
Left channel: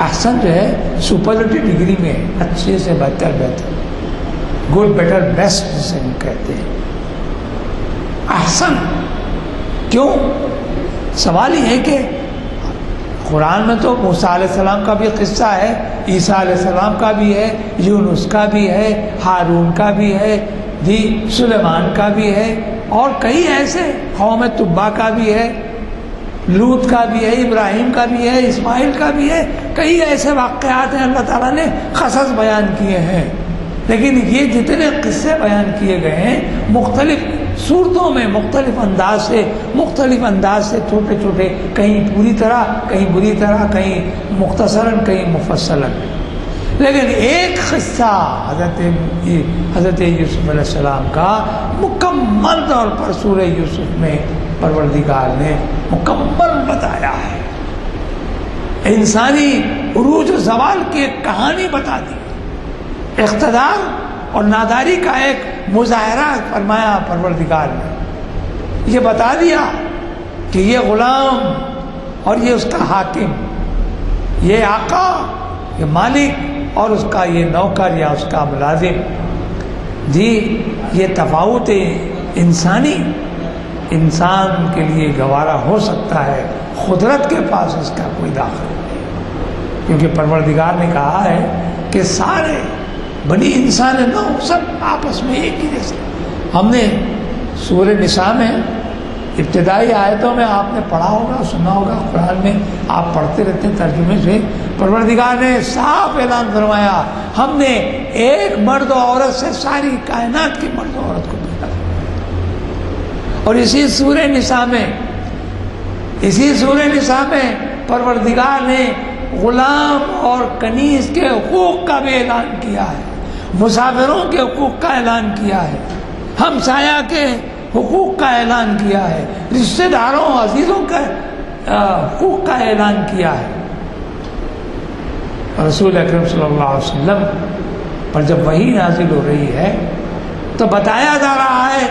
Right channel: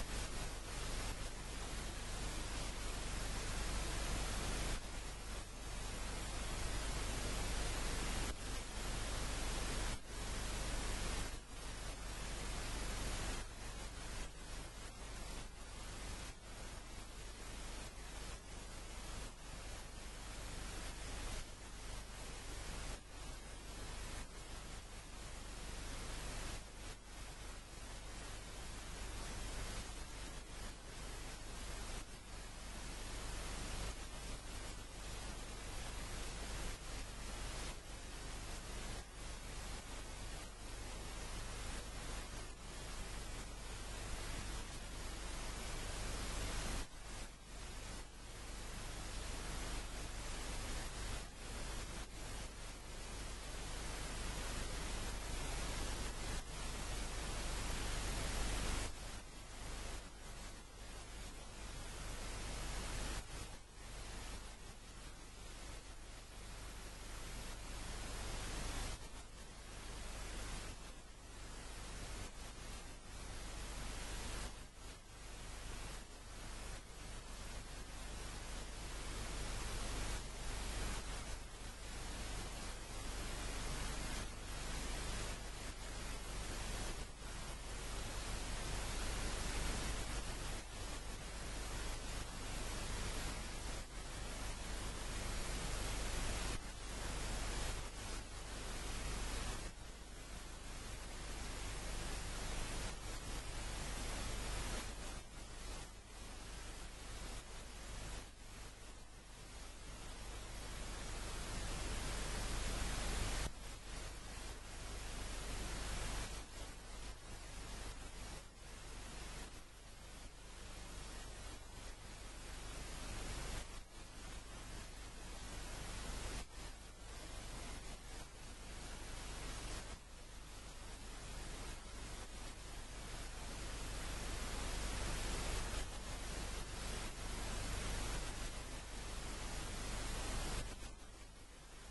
احسن جو ہے سپرلیٹو ڈگری میں، اچھے سے بہتر، گڈ بیٹر بیسٹ جسے ہم کہتے ہیں. احسن کیوں؟ سوال یہ ہے کہ قرآن میں تو موسیٰ علیہ السلام کا بھی قصہ ہے، عیسیٰ علیہ السلام کا بھی ہے، یونس کا بھی ہے، ہارون کا بھی ہے، سلیمان کا بھی ہے، اور کئی ایسے، قوم تبع کا بھی ہے، لوط کا بھی ہے، ابراہیم کا بھی ہے، اسماعیل کا بھی ہے. کئی ایسے واقعات ہیں اللہ تعالیٰ نے قصص بیان کیے ہیں. لیکن یہ جتنے قصے بیان کیے گئے ہیں مختلف صورتوں میں، مختلف انداز سے چھوٹے چھوٹے، کہیں پوری طرح، کہیں بری طرح، کہیں مختصراً، کہیں مفصلاً. لیکن ایک قصہ حضرت یوسف علیہ السلام کا مکمل طور پر سورہ یوسف میں پروردگار نے مکمل بتایا ہے. انسانی عروج و زوال کی ایک کہانی بتا دی، اقتدار اور ناداری کا ایک مظاہرہ فرمایا پروردگار نے. یہ بتا دیا کہ یہ غلام اور یہ اس کا حاکم، یہ آقا، یہ مالک، اور اس کا یہ نوکر یا اس کا ملازم، جی یہ تفاوت انسانی انسان کے لیے گوارا ہو سکتا ہے، قدرت کے پاس اس کا کوئی داخل نہیں. کیونکہ پروردگار نے کہا ہے کہ سارے بنی انسان نو سب آپس میں ایک ہی جیسے. ہم نے سورہ نساء میں ابتدائی آیتوں میں آپ نے پڑھا ہوگا، سنا ہوگا، قرآن میں آپ پڑھتے رہتے ہیں ترجمے سے. پروردگار نے صاف اعلان فرمایا ہم نے ایک مرد و عورت سے ساری کائنات کی مرد و عورت کو پیدا کیا. اور اسی سورہ نساء میں پروردگار نے غلام اور کنیز کے حقوق کا بھی اعلان کیا ہے، مسافروں کے حقوق کا اعلان کیا ہے، ہمسایہ کے حقوق کا اعلان کیا ہے، رشتہ داروں عزیزوں کے حقوق کا اعلان کیا ہے. رسول اکرم صلی اللہ علیہ وسلم پر جب وحی نازل ہو رہی ہے تو بتایا جا رہا ہے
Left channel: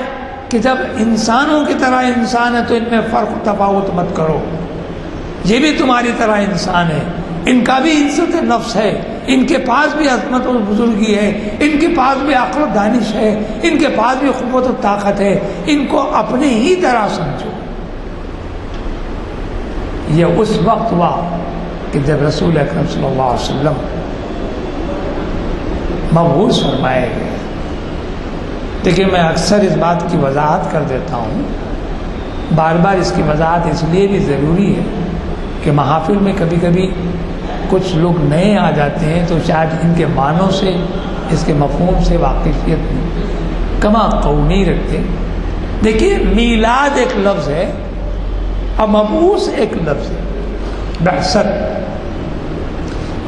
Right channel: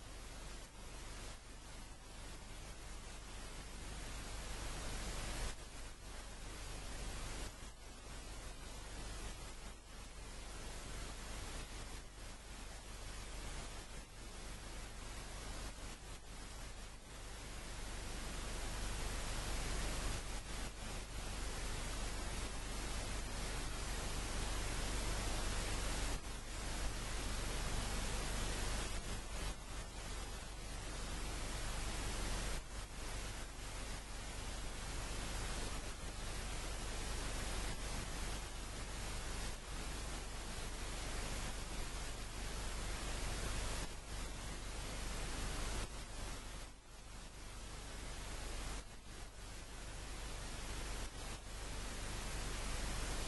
کہ جب انسانوں کی طرح انسان ہے تو ان میں فرق و تفاوت مت کرو. یہ بھی تمہاری طرح انسان ہے، ان کا بھی عزت نفس ہے، ان کے پاس بھی عظمت و بزرگی ہے، ان کے پاس بھی عقل و دانش ہے، ان کے پاس بھی قوت و طاقت ہے، ان کو اپنے ہی طرح سمجھو. یہ اس وقت ہوا کہ جب رسول اکرم صلی اللہ علیہ وسلم مبعوث فرمائے گئے. لیکن میں اکثر اس بات کی وضاحت کر دیتا ہوں، بار بار اس کی وضاحت اس لیے بھی ضروری ہے کہ محافل میں کبھی کبھی کچھ لوگ نئے آ جاتے ہیں تو شاید ان کے معنوں سے، اس کے مفہوم سے واقفیت کما قو نہیں رکھتے. دیکھیے میلاد ایک لفظ ہے اور مبعوث ایک لفظ ہے. بعثت،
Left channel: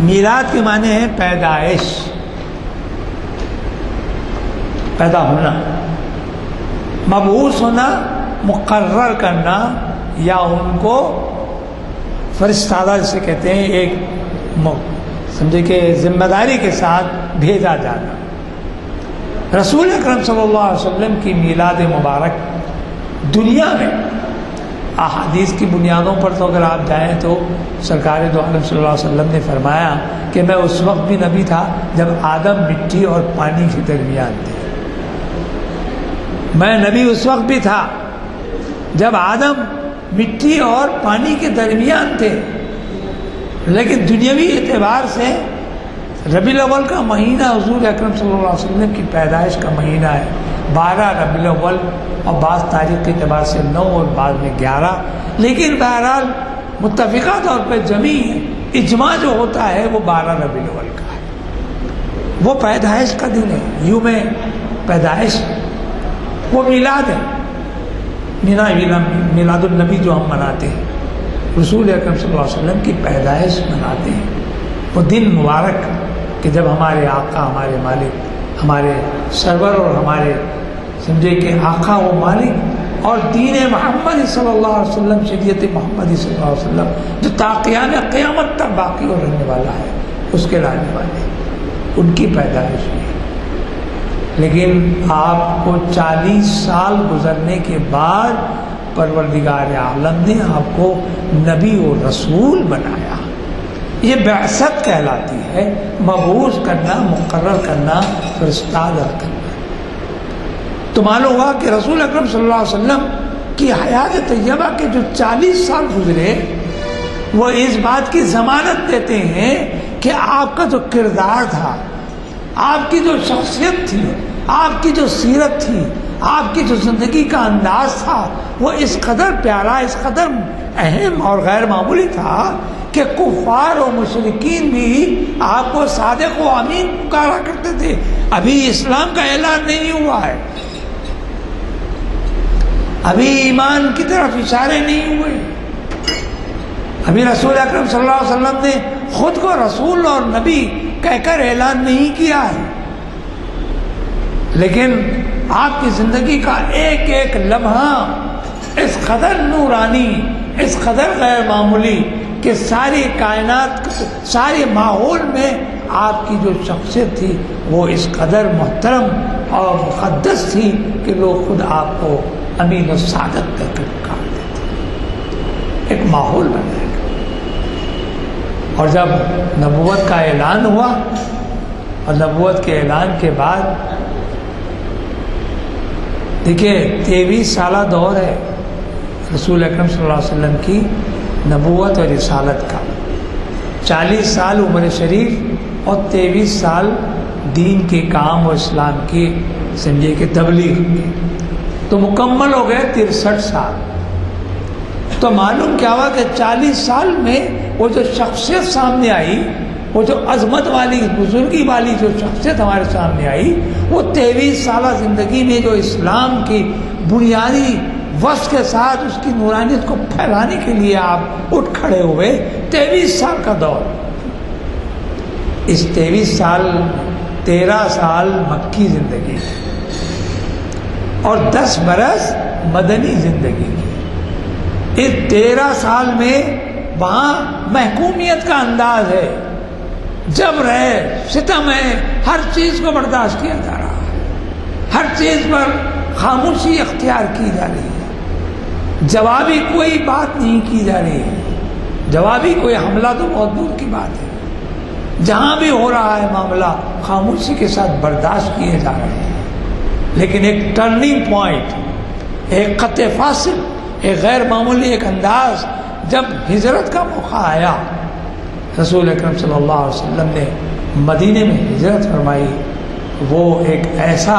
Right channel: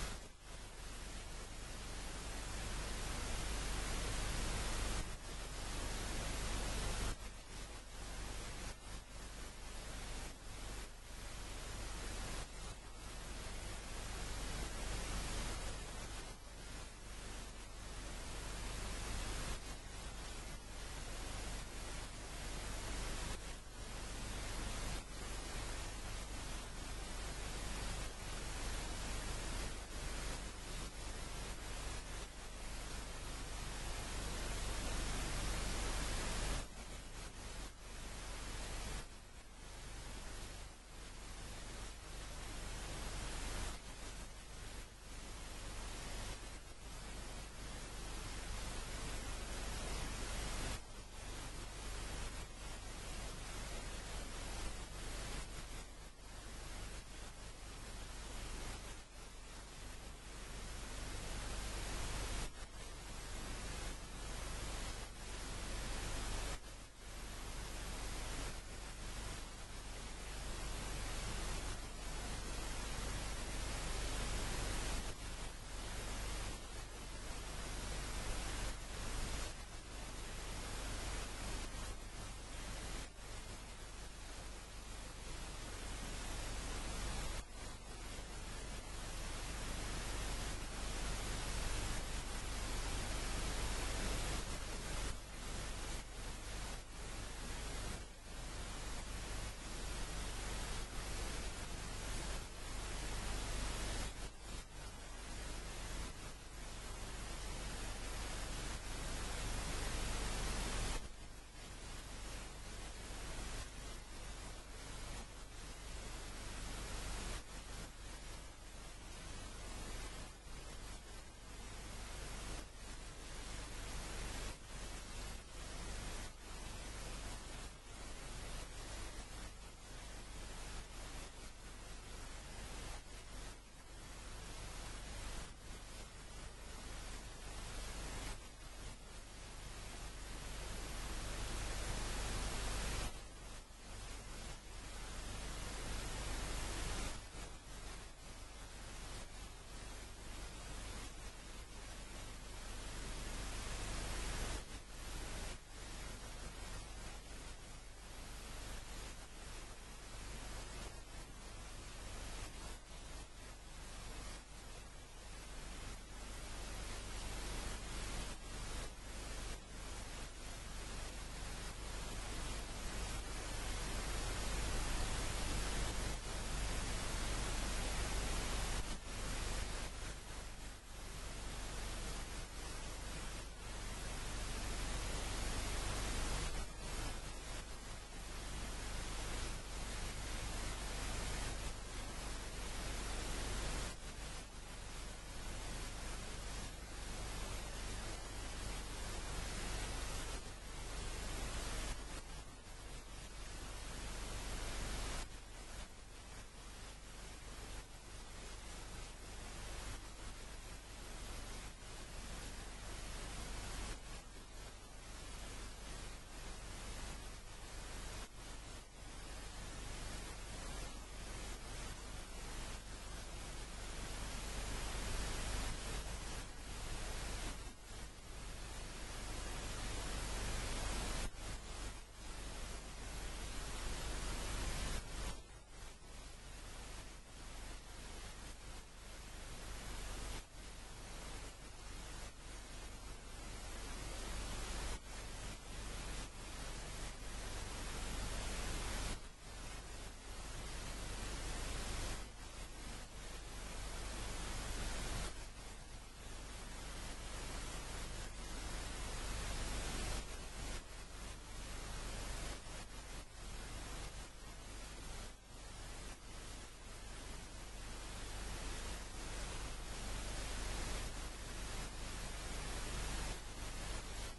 میلاد کے معنی ہے پیدائش، پیدا ہونا. مبعوث ہونا مقرر کرنا یا ان کو فرستادہ جسے کہتے ہیں، ایک سمجھے کہ ذمہ داری کے ساتھ بھیجا جانا. رسول اکرم صلی اللہ علیہ وسلم کی میلاد مبارک دنیا میں احادیث کی بنیادوں پر تو اگر آپ جائیں تو سرکار دو عالم صلی اللہ علیہ وسلم نے فرمایا کہ میں اس وقت بھی نبی تھا جب آدم مٹی اور پانی کے درمیان تھے. میں نبی اس وقت بھی تھا جب آدم مٹی اور پانی کے درمیان تھے. لیکن دنیاوی اعتبار سے ربیع الاول کا مہینہ حضور اکرم صلی اللہ علیہ وسلم کی پیدائش کا مہینہ ہے. 12 ربیع الاول اور بعض تاریخ کے اعتبار سے 9 اور بعض میں 11. لیکن بہرحال متفقہ طور پہ جمعی اجماع جو ہوتا ہے وہ 12 ربیع الاول کا ہے. وہ پیدائش کا دن ہے، یوم پیدائش، وہ میلاد ہے. میلاد النبی جو ہم مناتے ہیں، رسول اکرم صلی اللہ علیہ وسلم کی پیدائش مناتے ہیں. وہ دن مبارک کہ جب ہمارے آقا، ہمارے مالک، ہمارے سرور اور ہمارے سمجھے کہ آقا و مالک اور دین محمد صلی اللہ علیہ وسلم، شریعت محمد صلی اللہ علیہ وسلم جو تا قیام قیامت تک باقی اور رہنے والا ہے، اس کے لانے والے ان کی پیدائش ہوئی. لیکن آپ کو 40 سال گزرنے کے بعد پروردگار عالم نے آپ کو نبی و رسول بنایا. یہ بعثت کہلاتی ہے، مبعوث کرنا، مقرر کرنا، فرستادہ کرنا. تو معلوم ہوا کہ رسول اکرم صلی اللہ علیہ وسلم کی حیات طیبہ کے جو 40 سال گزرے وہ اس بات کی ضمانت دیتے ہیں کہ آپ کا جو کردار تھا، آپ کی جو شخصیت تھی، آپ کی جو سیرت تھی، آپ کی جو زندگی کا انداز تھا، وہ اس قدر پیارا، اس قدر اہم اور غیر معمولی تھا کہ کفار و مشرکین بھی آپ کو صادق و امین پکارا کرتے تھے. ابھی اسلام کا اعلان نہیں ہوا ہے، ابھی ایمان کی طرف اشارے نہیں ہوئے، ابھی رسول اکرم صلی اللہ علیہ وسلم نے خود کو رسول اور نبی کہہ کر اعلان نہیں کیا ہے. لیکن آپ کی زندگی کا ایک ایک لمحہ اس قدر نورانی، اس قدر غیر معمولی کہ ساری کائنات، سارے ماحول میں آپ کی جو شخصیت تھی وہ اس قدر محترم اور مقدس تھی کہ لوگ خود آپ کو امین و سعادت کر کے پکارتے تھے. ایک ماحول بنایا گیا. اور جب نبوت کا اعلان ہوا اور نبوت کے اعلان کے بعد دیکھیے 23 سالہ دور ہے رسول اکرم صلی اللہ علیہ وسلم کی نبوت اور رسالت کا. 40 سال عمر شریف اور 23 سال دین کے کام اور اسلام کی سمجھے کہ تبلیغ کے، تو مکمل ہو گئے 63 سال. تو معلوم کیا ہوا کہ 40 سال میں وہ جو شخصیت سامنے آئی، وہ جو عظمت والی، بزرگی والی جو شخصیت ہمارے سامنے آئی، وہ 23 سالہ زندگی میں جو اسلام کی بنیادی وصف کے ساتھ اس کی نورانیت کو پھیلانے کے لیے آپ اٹھ کھڑے ہوئے. 23 سال کا دور. اس 23 سال 13 سال مکی زندگی کی اور 10 برس مدنی زندگی کی. اس 13 سال میں وہاں محکومیت کا انداز ہے، جبر ہے، ستم ہے، ہر چیز کو برداشت کیا جا رہا ہے، ہر چیز پر خاموشی اختیار کی جا رہی ہے، جوابی کوئی بات نہیں کی جا رہی ہے. جوابی کوئی حملہ تو بہت دور کی بات ہے. جہاں بھی ہو رہا ہے معاملہ خاموشی کے ساتھ برداشت کیے جا رہے ہیں. لیکن ایک ٹرننگ پوائنٹ، ایک خط فاصل، ایک غیر معمولی ایک انداز جب ہجرت کا موقع آیا، رسول اکرم صلی اللہ علیہ وسلم نے مدینے میں ہجرت فرمائی. وہ ایک ایسا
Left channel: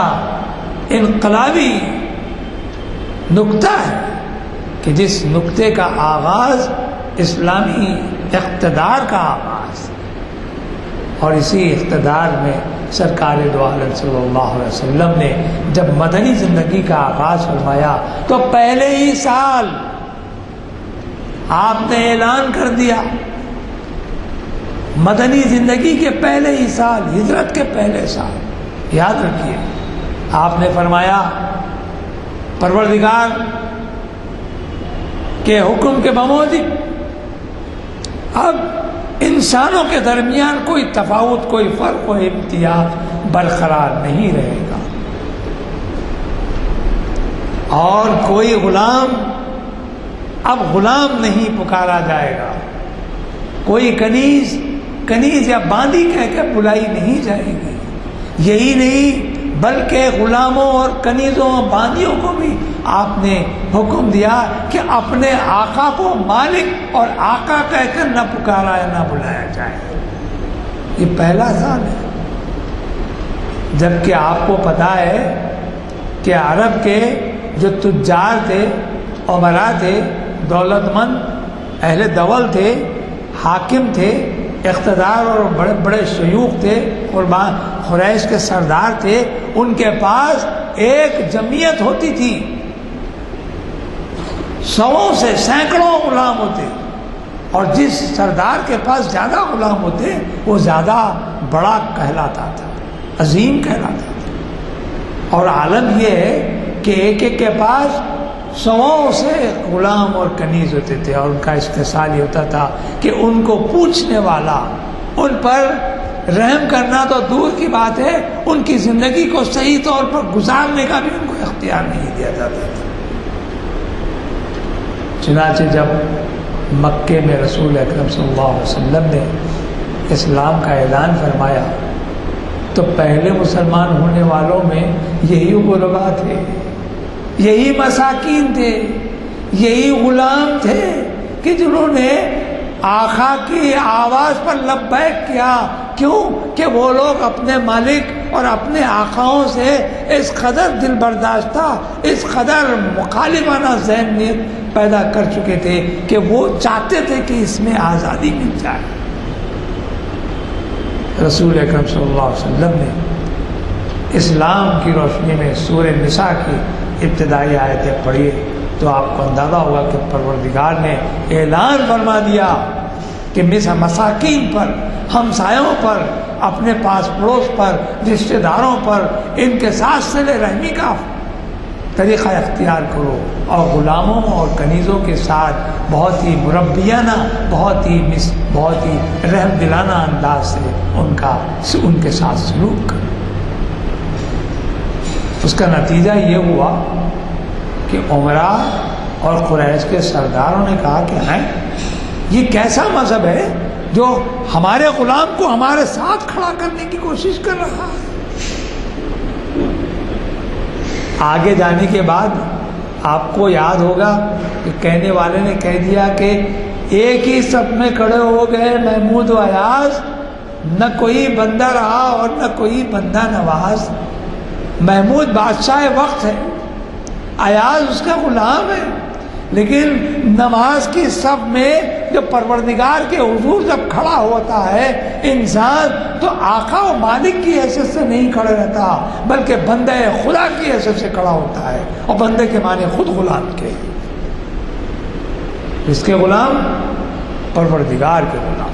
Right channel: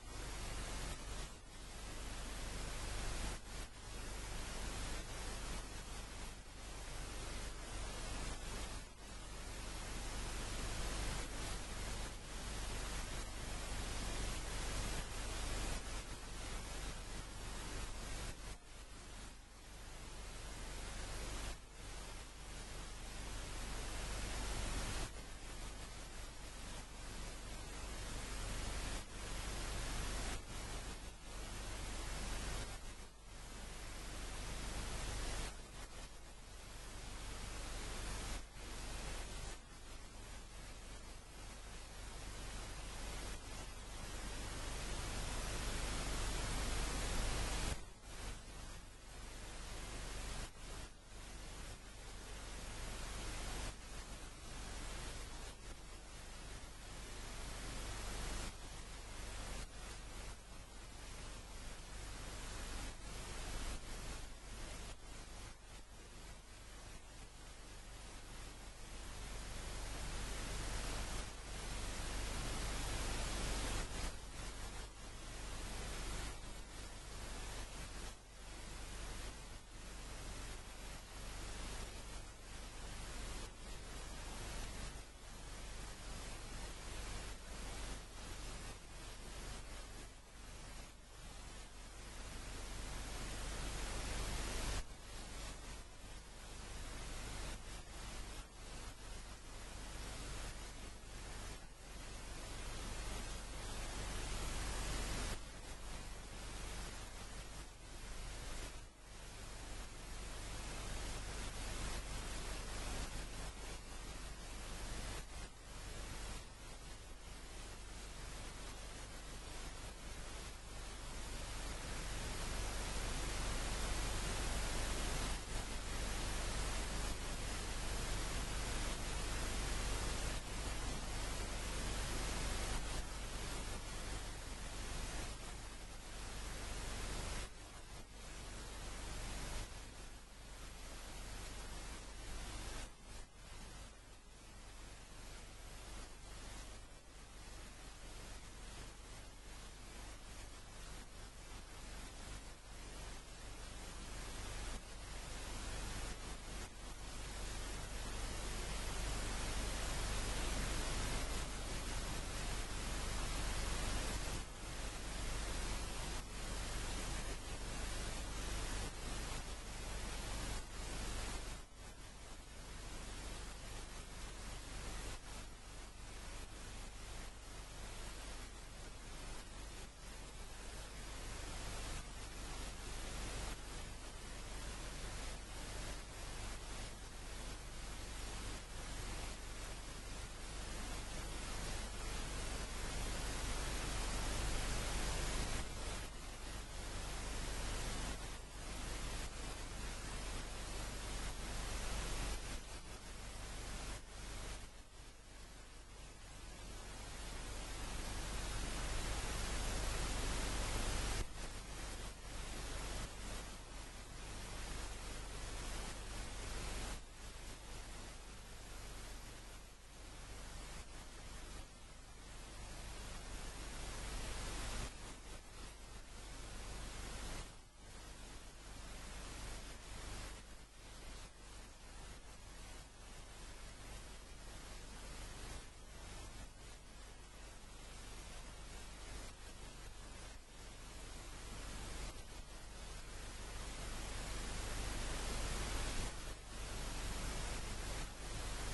انقلابی نقطہ ہے کہ جس نقطے کا آغاز اسلامی اقتدار کا آغاز، اور اسی اقتدار میں سرکار دو عالم صلی اللہ علیہ وسلم نے جب مدنی زندگی کا آغاز فرمایا تو پہلے ہی سال آپ نے اعلان کر دیا، مدنی زندگی کے پہلے ہی سال، ہجرت کے پہلے سال، یاد رکھیے آپ نے فرمایا پروردگار کے حکم کے بموجب اب انسانوں کے درمیان کوئی تفاوت، کوئی فرق و امتیاز برقرار نہیں رہے گا، اور کوئی غلام اب غلام نہیں پکارا جائے گا، کوئی کنیز یا باندی کہہ کے بلائی نہیں جائے گی۔ یہی نہیں بلکہ غلاموں اور کنیزوں اور باندیوں کو بھی آپ نے حکم دیا کہ اپنے آقا کو مالک اور آقا کہہ کر نہ پکارا یا نہ بلایا جائے۔ یہ پہلا سال ہے، جبکہ آپ کو پتہ ہے کہ عرب کے جو تجار تھے، امراء تھے، دولت مند اہل دول تھے، حاکم تھے، اقتدار اور بڑے بڑے شیوخ تھے، قربان قریش کے سردار تھے، ان کے پاس ایک جمعیت ہوتی تھی، سووں سے سینکڑوں غلام ہوتے، اور جس سردار کے پاس زیادہ غلام ہوتے وہ زیادہ بڑا کہلاتا تھا، عظیم کہلاتا تھا۔ اور عالم یہ ہے کہ ایک ایک کے پاس سووں سے غلام اور کنیز ہوتے تھے، اور ان کا استحصال یہ ہوتا تھا کہ ان کو پوچھنے والا، ان پر رحم کرنا تو دور کی بات ہے، ان کی زندگی کو صحیح طور پر گزارنے کا بھی ان کو اختیار نہیں دیا جاتا تھا۔ چنانچہ جب مکے میں رسول اکرم صلی اللہ علیہ وسلم نے اسلام کا اعلان فرمایا تو پہلے مسلمان ہونے والوں میں یہی غربا تھے، یہی مساکین تھے، یہی غلام تھے کہ جنہوں نے آقا کی آواز پر لبیک کیا۔ کیوں کہ وہ لوگ اپنے مالک اور اپنے آقاؤں سے اس قدر دل برداشتہ، اس قدر مخالفانہ ذہنیت پیدا کر چکے تھے کہ وہ چاہتے تھے کہ اس میں آزادی مل جائے۔ رسول اکرم صلی اللہ علیہ وسلم نے اسلام کی روشنی میں سورہ نساء کی ابتدائی آیتیں پڑھیے تو آپ کو اندازہ ہوگا کہ پروردگار نے اعلان فرما دیا کہ مساکین پر، ہمسایوں پر، اپنے پاس پڑوس پر، رشتہ داروں پر ان کے ساتھ صلہ رحمی کا طریقہ اختیار کرو، اور غلاموں اور کنیزوں کے ساتھ بہت ہی مربیانہ، بہت ہی رحم دلانہ انداز سے ان کے ساتھ سلوک کرو۔ اس کا نتیجہ یہ ہوا کہ عمراء اور قریش کے سرداروں نے کہا کہ ہیں یہ کیسا مذہب ہے جو ہمارے غلام کو ہمارے ساتھ کھڑا کرنے کی کوشش کر رہا ہے۔ آگے جانے کے بعد آپ کو یاد ہوگا کہ کہنے والے نے کہہ دیا کہ ایک ہی صف میں کھڑے ہو گئے محمود و ایاز، نہ کوئی بندہ رہا اور نہ کوئی بندہ نواز۔ محمود بادشاہ وقت ہے، ایاز اس کا غلام ہے، لیکن نماز کی صف میں جو پروردگار کے حضور جب کھڑا ہوتا ہے انسان تو آقا و مالک کی حیثیت سے نہیں کھڑا رہتا بلکہ بندہ خدا کی حیثیت سے کھڑا ہوتا ہے، اور بندے کے معنی خود غلام کے، اس کے غلام پروردگار کے غلام،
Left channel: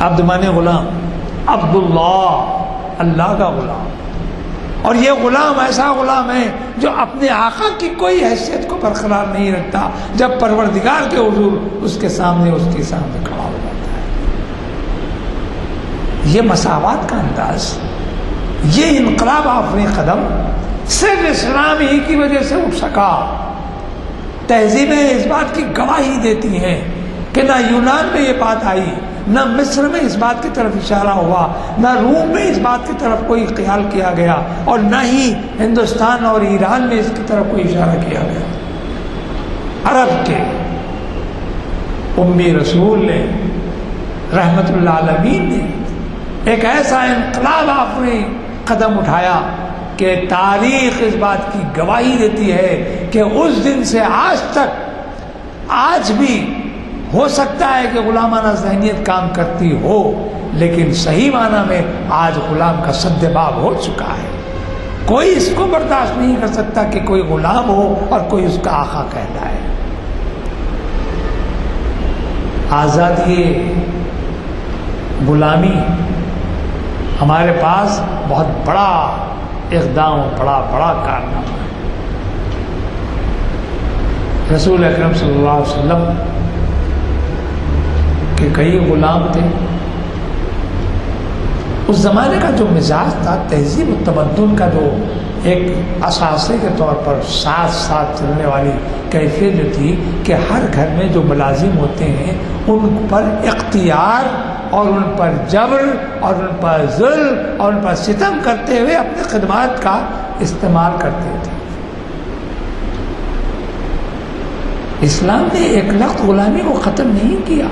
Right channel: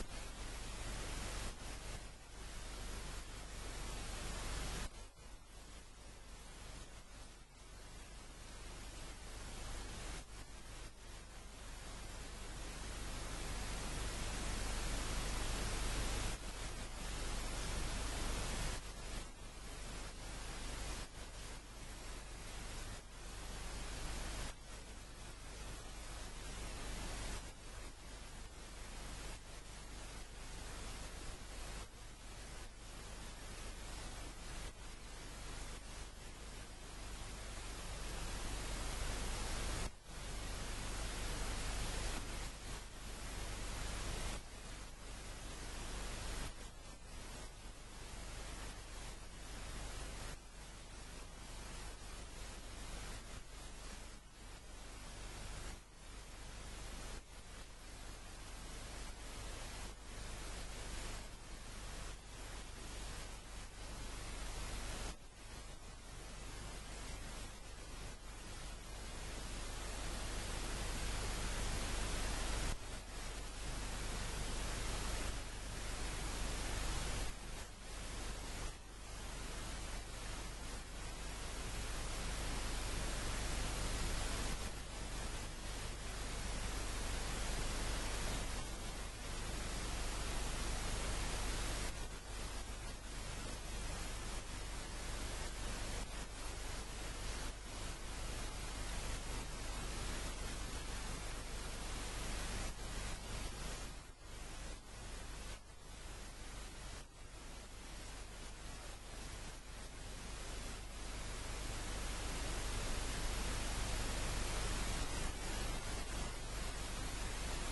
عبد مانے غلام، عبداللہ اللہ کا غلام۔ اور یہ غلام ایسا غلام ہے جو اپنے آقا کی کوئی حیثیت کو برقرار نہیں رکھتا، جب پروردگار کے حضور اس کے سامنے کھڑا ہو جاتا ہے۔ یہ مساوات کا انداز، یہ انقلاب آفرین قدم صرف اسلام ہی کی وجہ سے اٹھ سکا۔ تہذیبیں اس بات کی گواہی دیتی ہیں کہ نہ یونان میں یہ بات آئی، نہ مصر میں اس بات کی طرف اشارہ ہوا، نہ روم میں اس بات کی طرف کوئی خیال کیا گیا، اور نہ ہی ہندوستان اور ایران میں اس کی طرف کوئی اشارہ کیا گیا۔ عرب کے امی رسول نے، رحمت اللہ عالمین نے ایک ایسا انقلاب آفرین قدم اٹھایا کہ تاریخ اس بات کی گواہی دیتی ہے کہ اس دن سے آج تک، آج بھی ہو سکتا ہے کہ غلامانہ ذہنیت کام کرتی ہو، لیکن صحیح معنی میں آج غلام کا سد باب ہو چکا ہے. کوئی اس کو برداشت نہیں کر سکتا کہ کوئی غلام ہو اور کوئی اس کا آقا کہلائے. آزادی غلامی ہمارے پاس بہت بڑا اقدام، بڑا کارنامہ ہے. رسول اکرم صلی اللہ علیہ وسلم کے کئی غلام تھے. اس زمانے کا جو مزاج تھا، تہذیب و تمدن کا جو ایک اثاثے کے طور پر ساتھ چلنے والی کیفیت جو تھی کہ ہر گھر میں جو ملازم ہوتے ہیں ان پر اختیار اور ان پر جبر اور ان پر ظلم اور ان پر ستم کرتے ہوئے اپنے خدمات کا استعمال کرتے تھے. اسلام نے ایک لخت غلامی کو ختم نہیں کیا،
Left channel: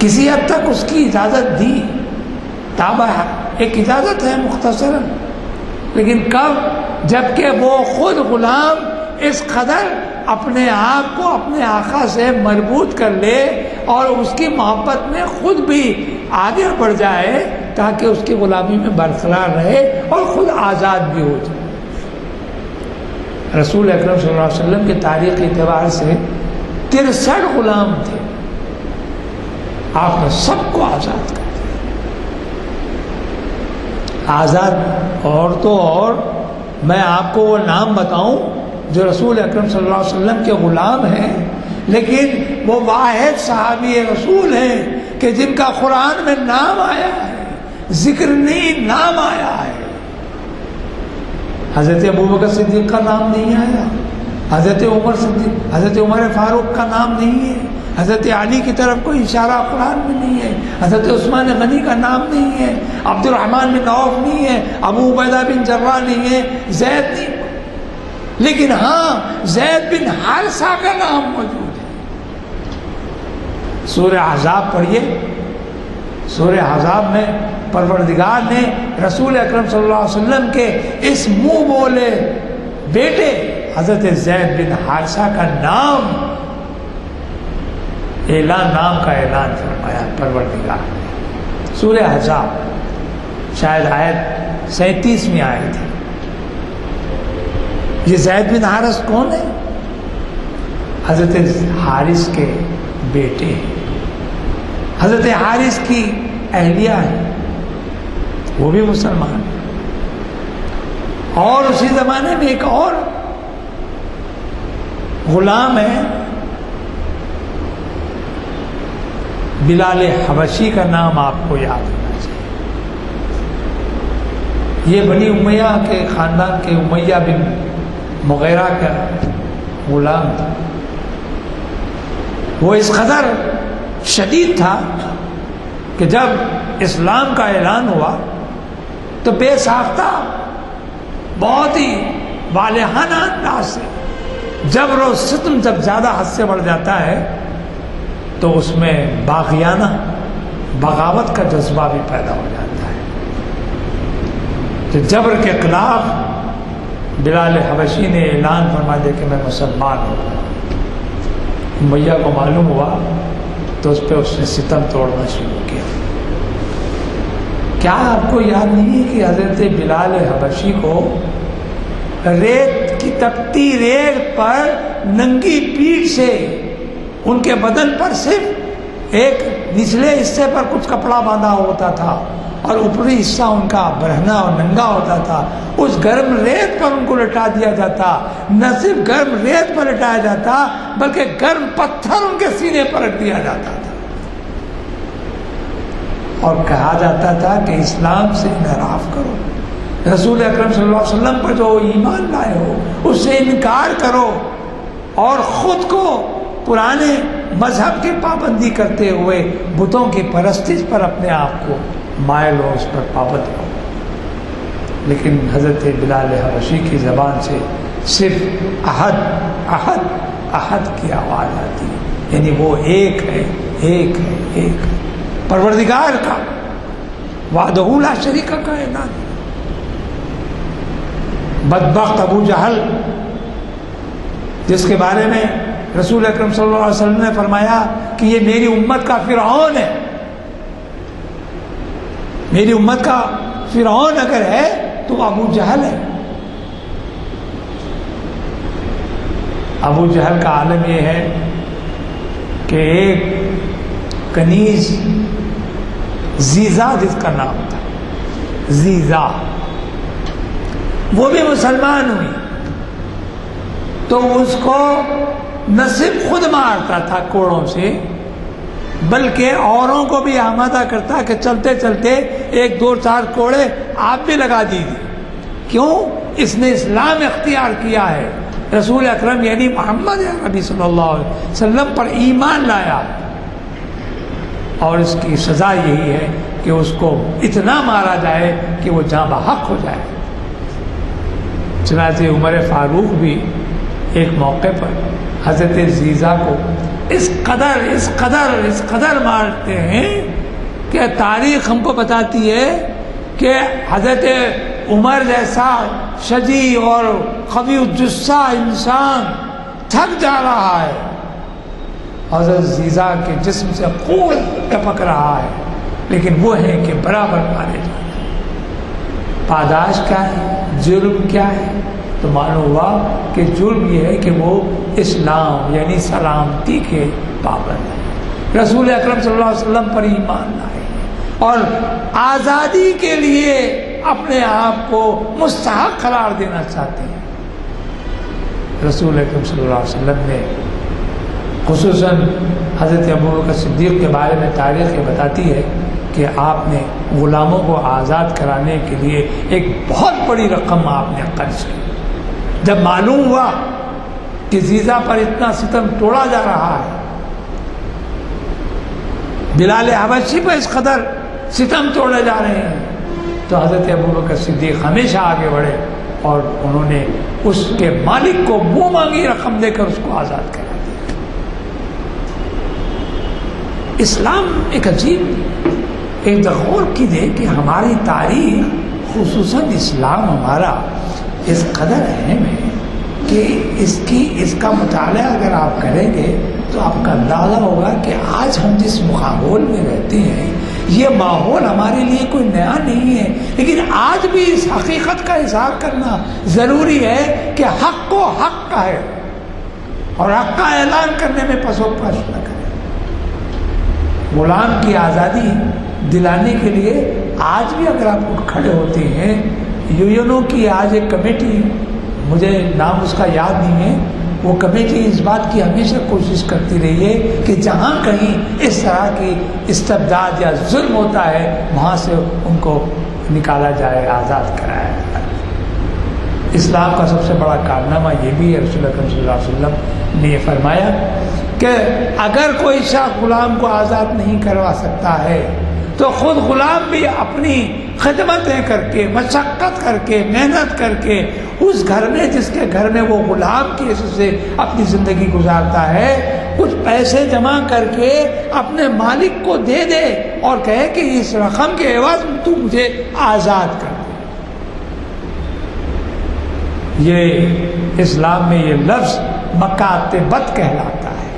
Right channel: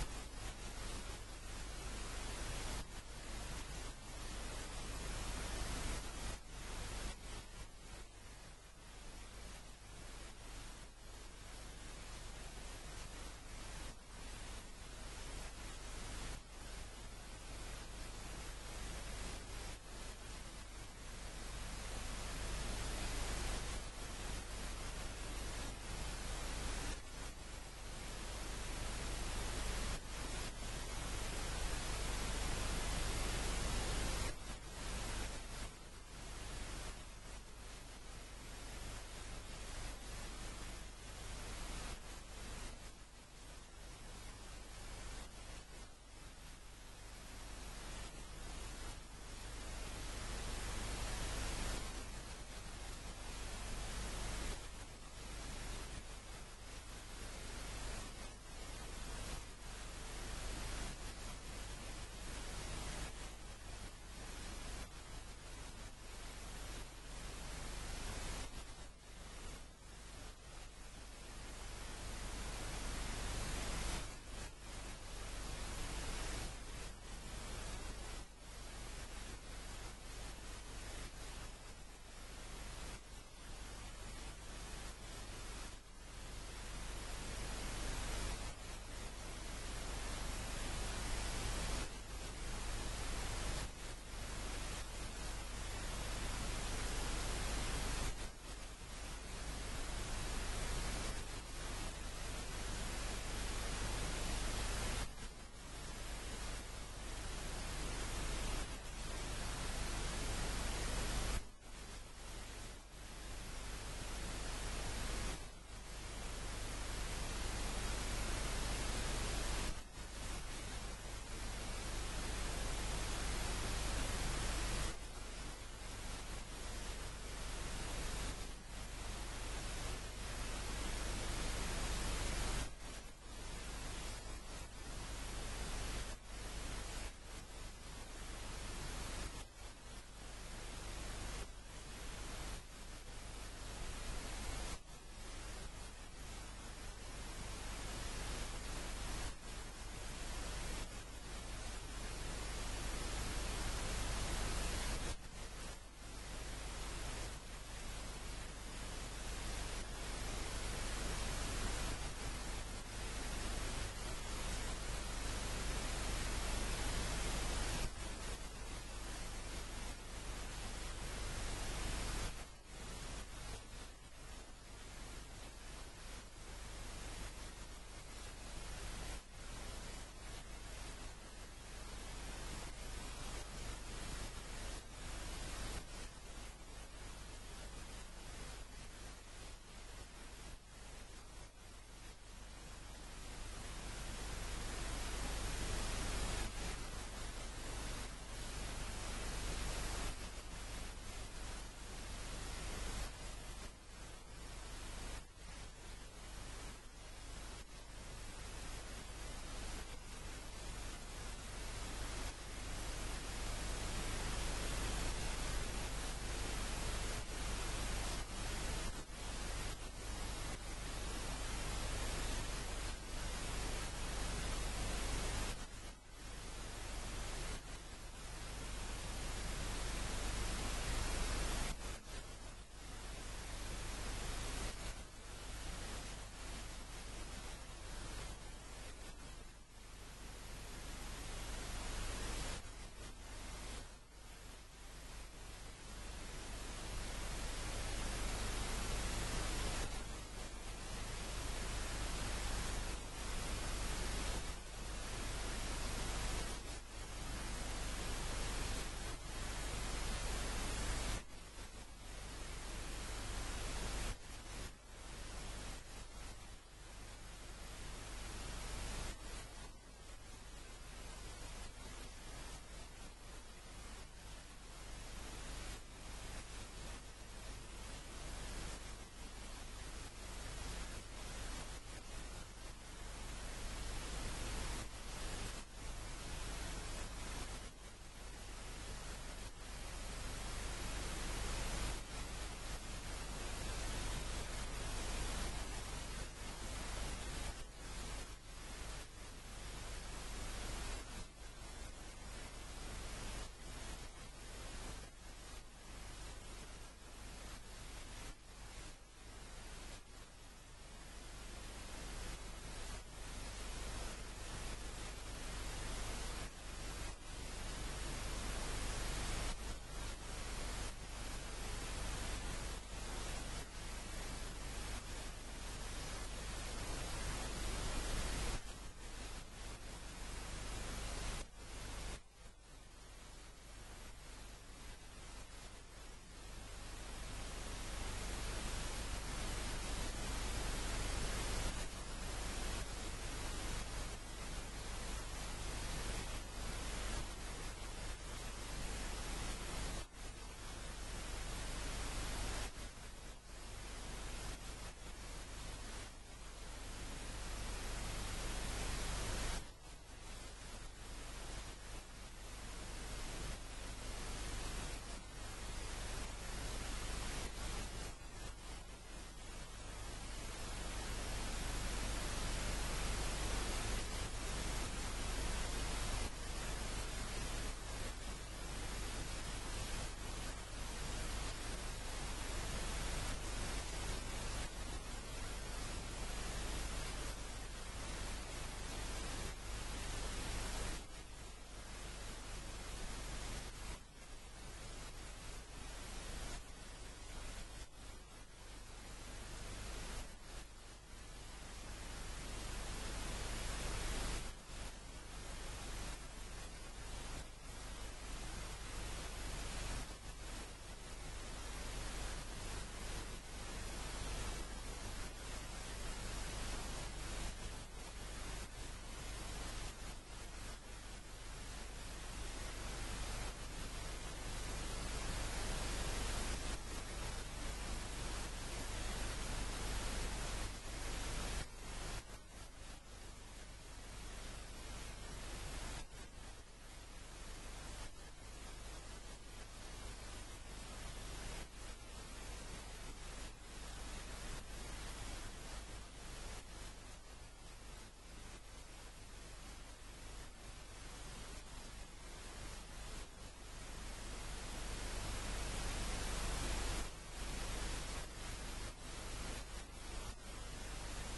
کسی حد تک اس کی اجازت دی. تابع ایک اجازت ہے مختصراً، لیکن کب؟ جبکہ وہ خود غلام اس قدر اپنے آپ کو اپنے آقا سے مربوط کر لے اور اس کی محبت میں خود بھی آگے بڑھ جائے تاکہ اس کی غلامی میں برقرار رہے اور خود آزاد بھی ہو جائے. رسول اکرم صلی اللہ علیہ وسلم کے تاریخ کے اعتبار سے 63 غلام تھے. آپ نے سب کو آزاد کر دیا. آزاد اور تو اور میں آپ کو وہ نام بتاؤں جو رسول اکرم صلی اللہ علیہ وسلم کے غلام ہیں، لیکن وہ واحد صحابی رسول ہیں کہ جن کا قرآن میں نام آیا ہے، ذکر نہیں نام آیا ہے. حضرت ابوبکر صدیق کا نام نہیں آیا، حضرت عمر فاروق کا نام نہیں ہے، حضرت علی کی طرف کوئی اشارہ قرآن میں نہیں ہے، حضرت عثمان غنی کا نام نہیں ہے، عبد الرحمن بن عوف نہیں ہے، ابو عبیدہ بن جراح نہیں ہے، زید نہیں. لیکن ہاں زید بن حارثہ کا نام موجود ہے. سورہ احزاب پڑھیے. سورہ احزاب میں پروردگار نے رسول اکرم صلی اللہ علیہ وسلم کے اس منہ بولے بیٹے حضرت زید بن حارثہ کا نام نام کا اعلان فرمایا پروردگار نے. سورہ احزاب شاید آیت 37ویں آیت ہے. یہ زید بن حارث کون ہے؟ حضرت حارث کے بیٹے ہیں. حضرت حارث کی اہلیہ ہے، وہ بھی مسلمان. اور اسی زمانے میں ایک اور غلام ہے، بلال حبشی کا نام آپ کو یاد ہونا چاہیے. یہ بنی امیہ کے خاندان کے امیہ بن مغیرہ کا غلام تھا. وہ اس قدر شدید تھا کہ جب اسلام کا اعلان ہوا تو بے ساختہ بہت ہی والہانہ انداز سے جبر و ستم جب زیادہ حد سے بڑھ جاتا ہے تو اس میں باغیانہ بغاوت کا جذبہ بھی پیدا ہو جاتا ہے. کہ جبر کے خلاف بلال حبشی نے اعلان فرما دیا کہ میں مسلمان ہوں. امیہ کو معلوم ہوا تو اس پہ اس نے ستم توڑنا شروع کیا. کیا آپ کو یاد نہیں ہے کہ حضرت بلال حبشی کو ریت کی تپتی ریت پر ننگی پیٹھ سے ان کے بدن پر صرف ایک نچلے حصے پر کچھ کپڑا باندھا ہوتا تھا اور اوپری حصہ ان کا برہنہ اور ننگا ہوتا تھا. اس گرم ریت پر ان کو لٹا دیا جاتا. نہ صرف گرم ریت پر لٹایا جاتا بلکہ گرم پتھر ان کے سینے پر رکھ دیا جاتا تھا اور کہا جاتا تھا کہ اسلام سے انحراف کرو، رسول اکرم صلی اللہ علیہ وسلم پر جو ایمان لائے ہو اس سے انکار کرو اور خود کو پرانے مذہب کی پابندی کرتے ہوئے بتوں کی پرستش پر اپنے آپ کو مائل ہو، اس پر پابند ہو. لیکن حضرت بلال حبشی کی زبان سے صرف احد احد احد کی آواز آتی ہے، یعنی وہ ایک ہے، ایک ہے، ایک ہے. پروردگار کا وحدہ لا شریک کا اعلان. بدبخت ابو جہل جس کے بارے میں رسول اکرم صلی اللہ علیہ وسلم نے فرمایا کہ یہ میری امت کا فرعون ہے، میری امت کا فرعون اگر ہے تو ابو جہل ہے. ابو جہل کا عالم یہ ہے کہ ایک کنیز زیزا جس کا نام تھا، زیزا، وہ بھی مسلمان ہوئی تو اس کو نہ صرف خود مارتا تھا کوڑوں سے، بلکہ اوروں کو بھی آمادہ کرتا کہ چلتے چلتے 1 2 4 کوڑے آپ بھی لگا دیجیے. کیوں؟ اس نے اسلام اختیار کیا ہے، رسول اکرم یعنی محمد نبی صلی اللہ علیہ وسلم پر ایمان لایا، اور اس کی سزا یہی ہے کہ اس کو اتنا مارا جائے کہ وہ جاں بحق ہو جائے. چنانچہ عمر فاروق بھی ایک موقع پر حضرت زیزا کو اس قدر مارتے ہیں کہ تاریخ ہم کو بتاتی ہے کہ حضرت عمر جیسا شجی اور قوی الجثہ انسان تھک جا رہا ہے، حضرت زیزا کے جسم سے خون ٹپک رہا ہے، لیکن وہ ہیں کہ برابر مارے جا رہے ہیں. پاداش کیا ہے؟ جرم کیا ہے؟ تو معلوم ہوا کہ جرم یہ ہے کہ وہ اسلام یعنی سلامتی کے پابند ہیں، رسول اکرم صلی اللہ علیہ وسلم پر ایمان لائے اور آزادی کے لیے اپنے آپ کو مستحق قرار دینا چاہتے ہیں. رسول اکرم صلی اللہ علیہ وسلم نے خصوصاً حضرت ابوبکر صدیق کے بارے میں تاریخ یہ بتاتی ہے کہ آپ نے غلاموں کو آزاد کرانے کے لیے ایک بہت بڑی رقم آپ نے خرچ کی. جب معلوم ہوا کہ زیزا پر اتنا ستم توڑا جا رہا ہے، بلال حبشی پر اس قدر ستم توڑے جا رہے ہیں، تو حضرت ابوبکر صدیق ہمیشہ آگے بڑھے اور انہوں نے اس کے مالک کو منہ مانگی رقم دے کر اس کو آزاد کرا دیا. اسلام ایک عجیب ایک غور کیجیے کہ ہماری تاریخ خصوصاً اسلام ہمارا اس قدر اہم ہے کہ اس کا مطالعہ اگر آپ کریں گے تو آپ کا اندازہ ہوگا کہ آج ہم جس ماحول میں رہتے ہیں یہ ماحول ہمارے لیے کوئی نیا نہیں ہے، لیکن آج بھی اس حقیقت کا اظہار کرنا ضروری ہے کہ حق کو حق کا ہے اور حق کا اعلان کرنے میں پس و پش نہ کریں. غلام کی آزادی دلانے کے لیے آج بھی اگر آپ اٹھ کھڑے ہوتے ہیں، یونو کی آج ایک کمیٹی، مجھے نام اس کا یاد نہیں ہے، وہ کمیٹی اس بات کی ہمیشہ کوشش کرتی رہی ہے کہ جہاں کہیں اس طرح کی استبداد یا ظلم ہوتا ہے وہاں سے ان کو نکالا جائے، آزاد کرایا جائے. اسلام کا سب سے بڑا کارنامہ یہ بھی ہے، رسول اکرم صلی اللہ علیہ وسلم نے یہ فرمایا کہ اگر کوئی شخص غلام کو آزاد نہیں کروا سکتا ہے تو خود غلام بھی اپنی خدمتیں کر کے، مشقت کر کے، محنت کر کے اس گھر میں جس کے گھر میں وہ غلام کی حیثیت سے اپنی زندگی گزارتا ہے کچھ پیسے جمع کر کے اپنے مالک کو دے دے اور کہے کہ اس رقم کے عوض تو مجھے آزاد کر دے. یہ اسلام میں یہ لفظ مکاتبت کہلاتا ہے،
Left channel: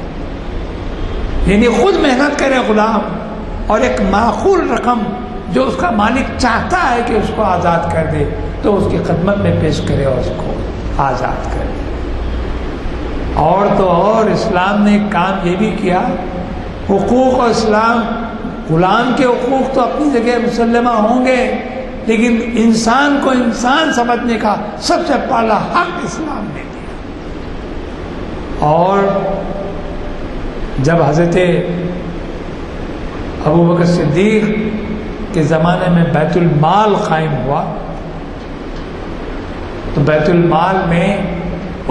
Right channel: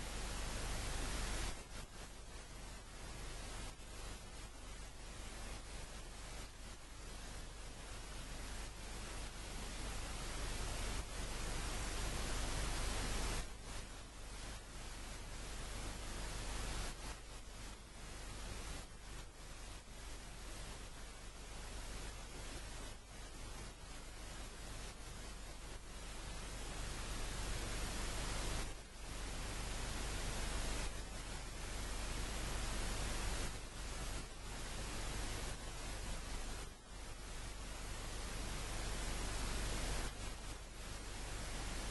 یعنی خود محنت کرے غلام اور ایک معقول رقم جو اس کا مالک چاہتا ہے کہ اس کو آزاد کر دے تو اس کی خدمت میں پیش کرے اور اس کو آزاد کرے. اور تو اور اسلام نے ایک کام یہ بھی کیا، حقوق اور اسلام، غلام کے حقوق تو اپنی جگہ مسلمہ ہوں گے، لیکن انسان کو انسان سمجھنے کا سب سے پہلا حق اسلام نے دیا. اور جب حضرت ابوبکر صدیق کے زمانے میں بیت المال قائم ہوا تو بیت المال میں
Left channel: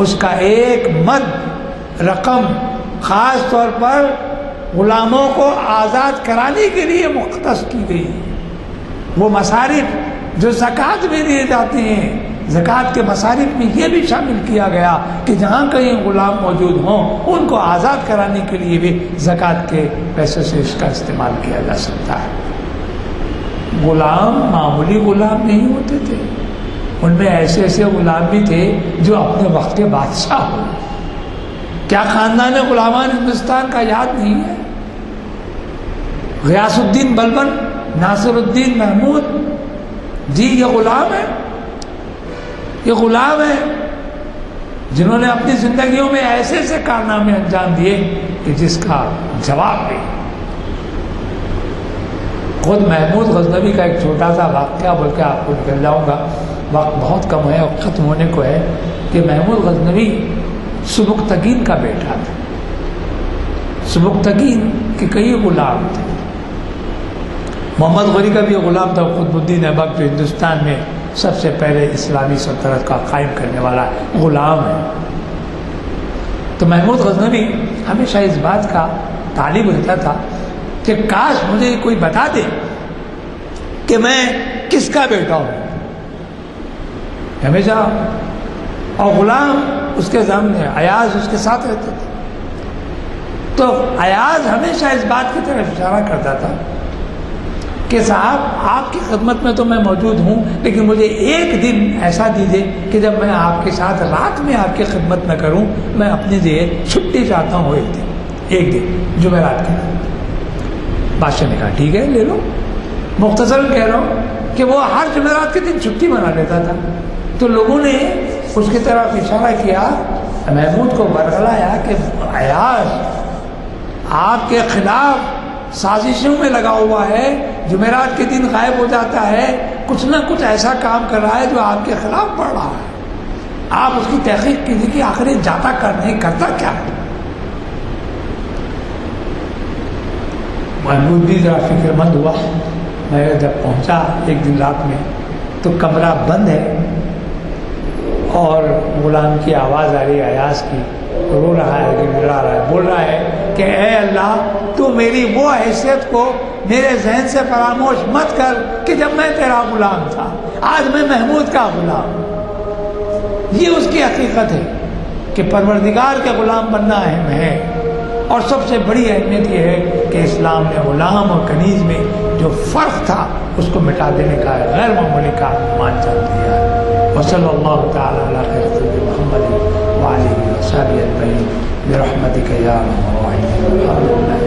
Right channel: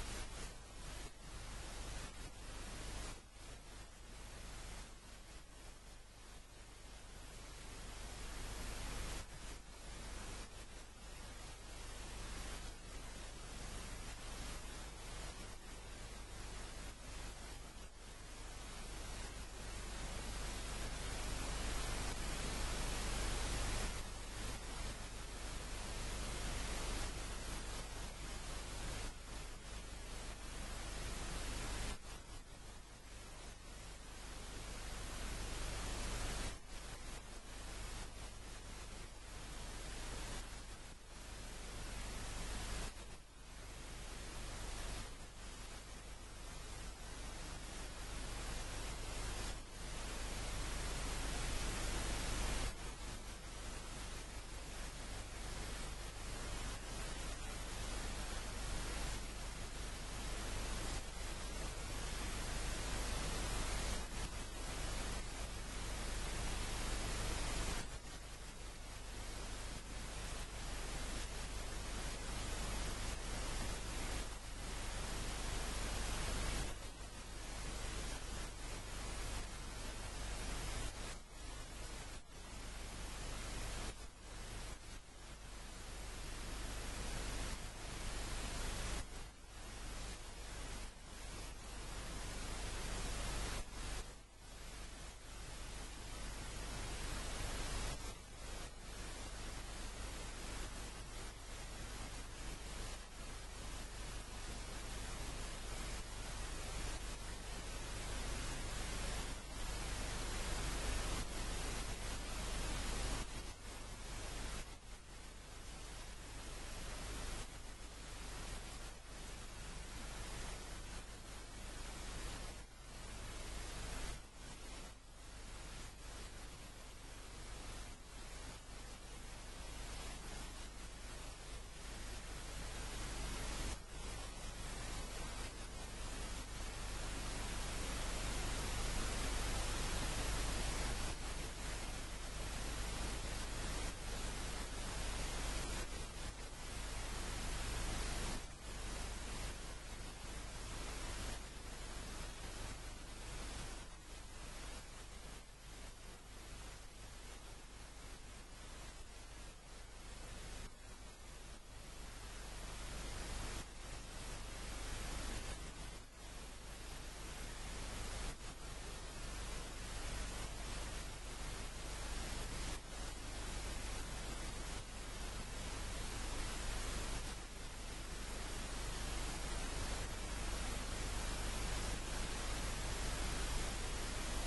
اس کا ایک مد رقم خاص طور پر غلاموں کو آزاد کرانے کے لیے مختص کی گئی. وہ مصارف جو زکوٰۃ میں دیے جاتے ہیں، زکوٰۃ کے مصارف میں یہ بھی شامل کیا گیا کہ جہاں کہیں غلام موجود ہوں ان کو آزاد کرانے کے لیے بھی زکوٰۃ کے پیسے سے اس کا استعمال کیا جا سکتا ہے. غلام معمولی غلام نہیں ہوتے تھے، ان میں ایسے ایسے غلام بھی تھے جو اپنے وقت کے بادشاہ ہوئے. کیا خاندان غلامان ہندوستان کا یاد نہیں ہے؟ غیاث الدین بلبن ناصر الدین محمود جی یہ غلام ہے، یہ غلام ہے جنہوں نے اپنی زندگیوں میں ایسے ایسے کارنامے انجام دیے کہ جس کا جواب نہیں۔ خود محمود غزنوی کا ایک چھوٹا سا واقعہ بول کے آپ کو نکل جاؤں گا، وقت بہت کم ہے اور ختم ہونے کو ہے، کہ محمود غزنوی سبکتگین کا بیٹا تھا۔ سبکتگین کے کئی غلام تھے، محمد غوری کا بھی غلام تھا، قطب الدین ایبک جو ہندوستان میں سب سے پہلے اسلامی سلطنت کا قائم کرنے والا غلام ہے۔ تو محمود غزنوی ہمیشہ اس بات کا طالب رہتا تھا کہ کاش مجھے کوئی بتا دے کہ میں کس کا بیٹا ہوں، ہمیشہ۔ اور غلام اس کے سامنے، ایاز اس کے ساتھ رہتے تھے، تو ایاز ہمیشہ اس بات کی طرف اشارہ کرتا تھا کہ صاحب آپ کی خدمت میں تو میں موجود ہوں، لیکن مجھے ایک دن ایسا دیجیے کہ جب میں آپ کے ساتھ رات میں آپ کی خدمت نہ کروں، میں اپنے لیے چھٹی چاہتا ہوں ایک دن جمعرات کے دن۔ بادشاہ نے کہا ٹھیک ہے لے لو۔ مختصراً کہہ رہا ہوں کہ وہ ہر جمعرات کے دن چھٹی منا لیتا تھا۔ تو لوگوں نے اس کی طرف اشارہ کیا، محمود کو برگلایا کہ ایاز آپ کے خلاف سازشوں میں لگا ہوا ہے، جمعرات کے دن غائب ہو جاتا ہے، کچھ نہ کچھ ایسا کام کر رہا ہے جو آپ کے خلاف پڑ رہا ہے، آپ اس کی تحقیق کیجیے کہ آخر یہ جاتا نہیں کرتا کیا ہے۔ محمود بھی ذرا فکر مند ہوا۔ میں جب پہنچا ایک دن رات میں تو کمرہ بند ہے اور غلام کی آواز آ رہی ہے ایاز کی، رو رہا ہے، گڑگڑا رہا ہے، بول رہا ہے کہ اے اللہ تو میری وہ حیثیت کو میرے ذہن سے فراموش مت کر کہ جب میں تیرا غلام تھا، آج میں محمود کا غلام۔ یہ اس کی حقیقت ہے کہ پروردگار کے غلام بننا اہم ہے، اور سب سے بڑی اہمیت یہ ہے کہ اسلام نے غلام اور کنیز میں جو فرق تھا اس کو مٹا دینے کا غیر معمولی کا مان چل دیا ہے۔ وصلی اللہ تعالی علی خیر خلق محمد وعلیہ وصحبہ اجمعین برحمتک یا ارحم الراحمین۔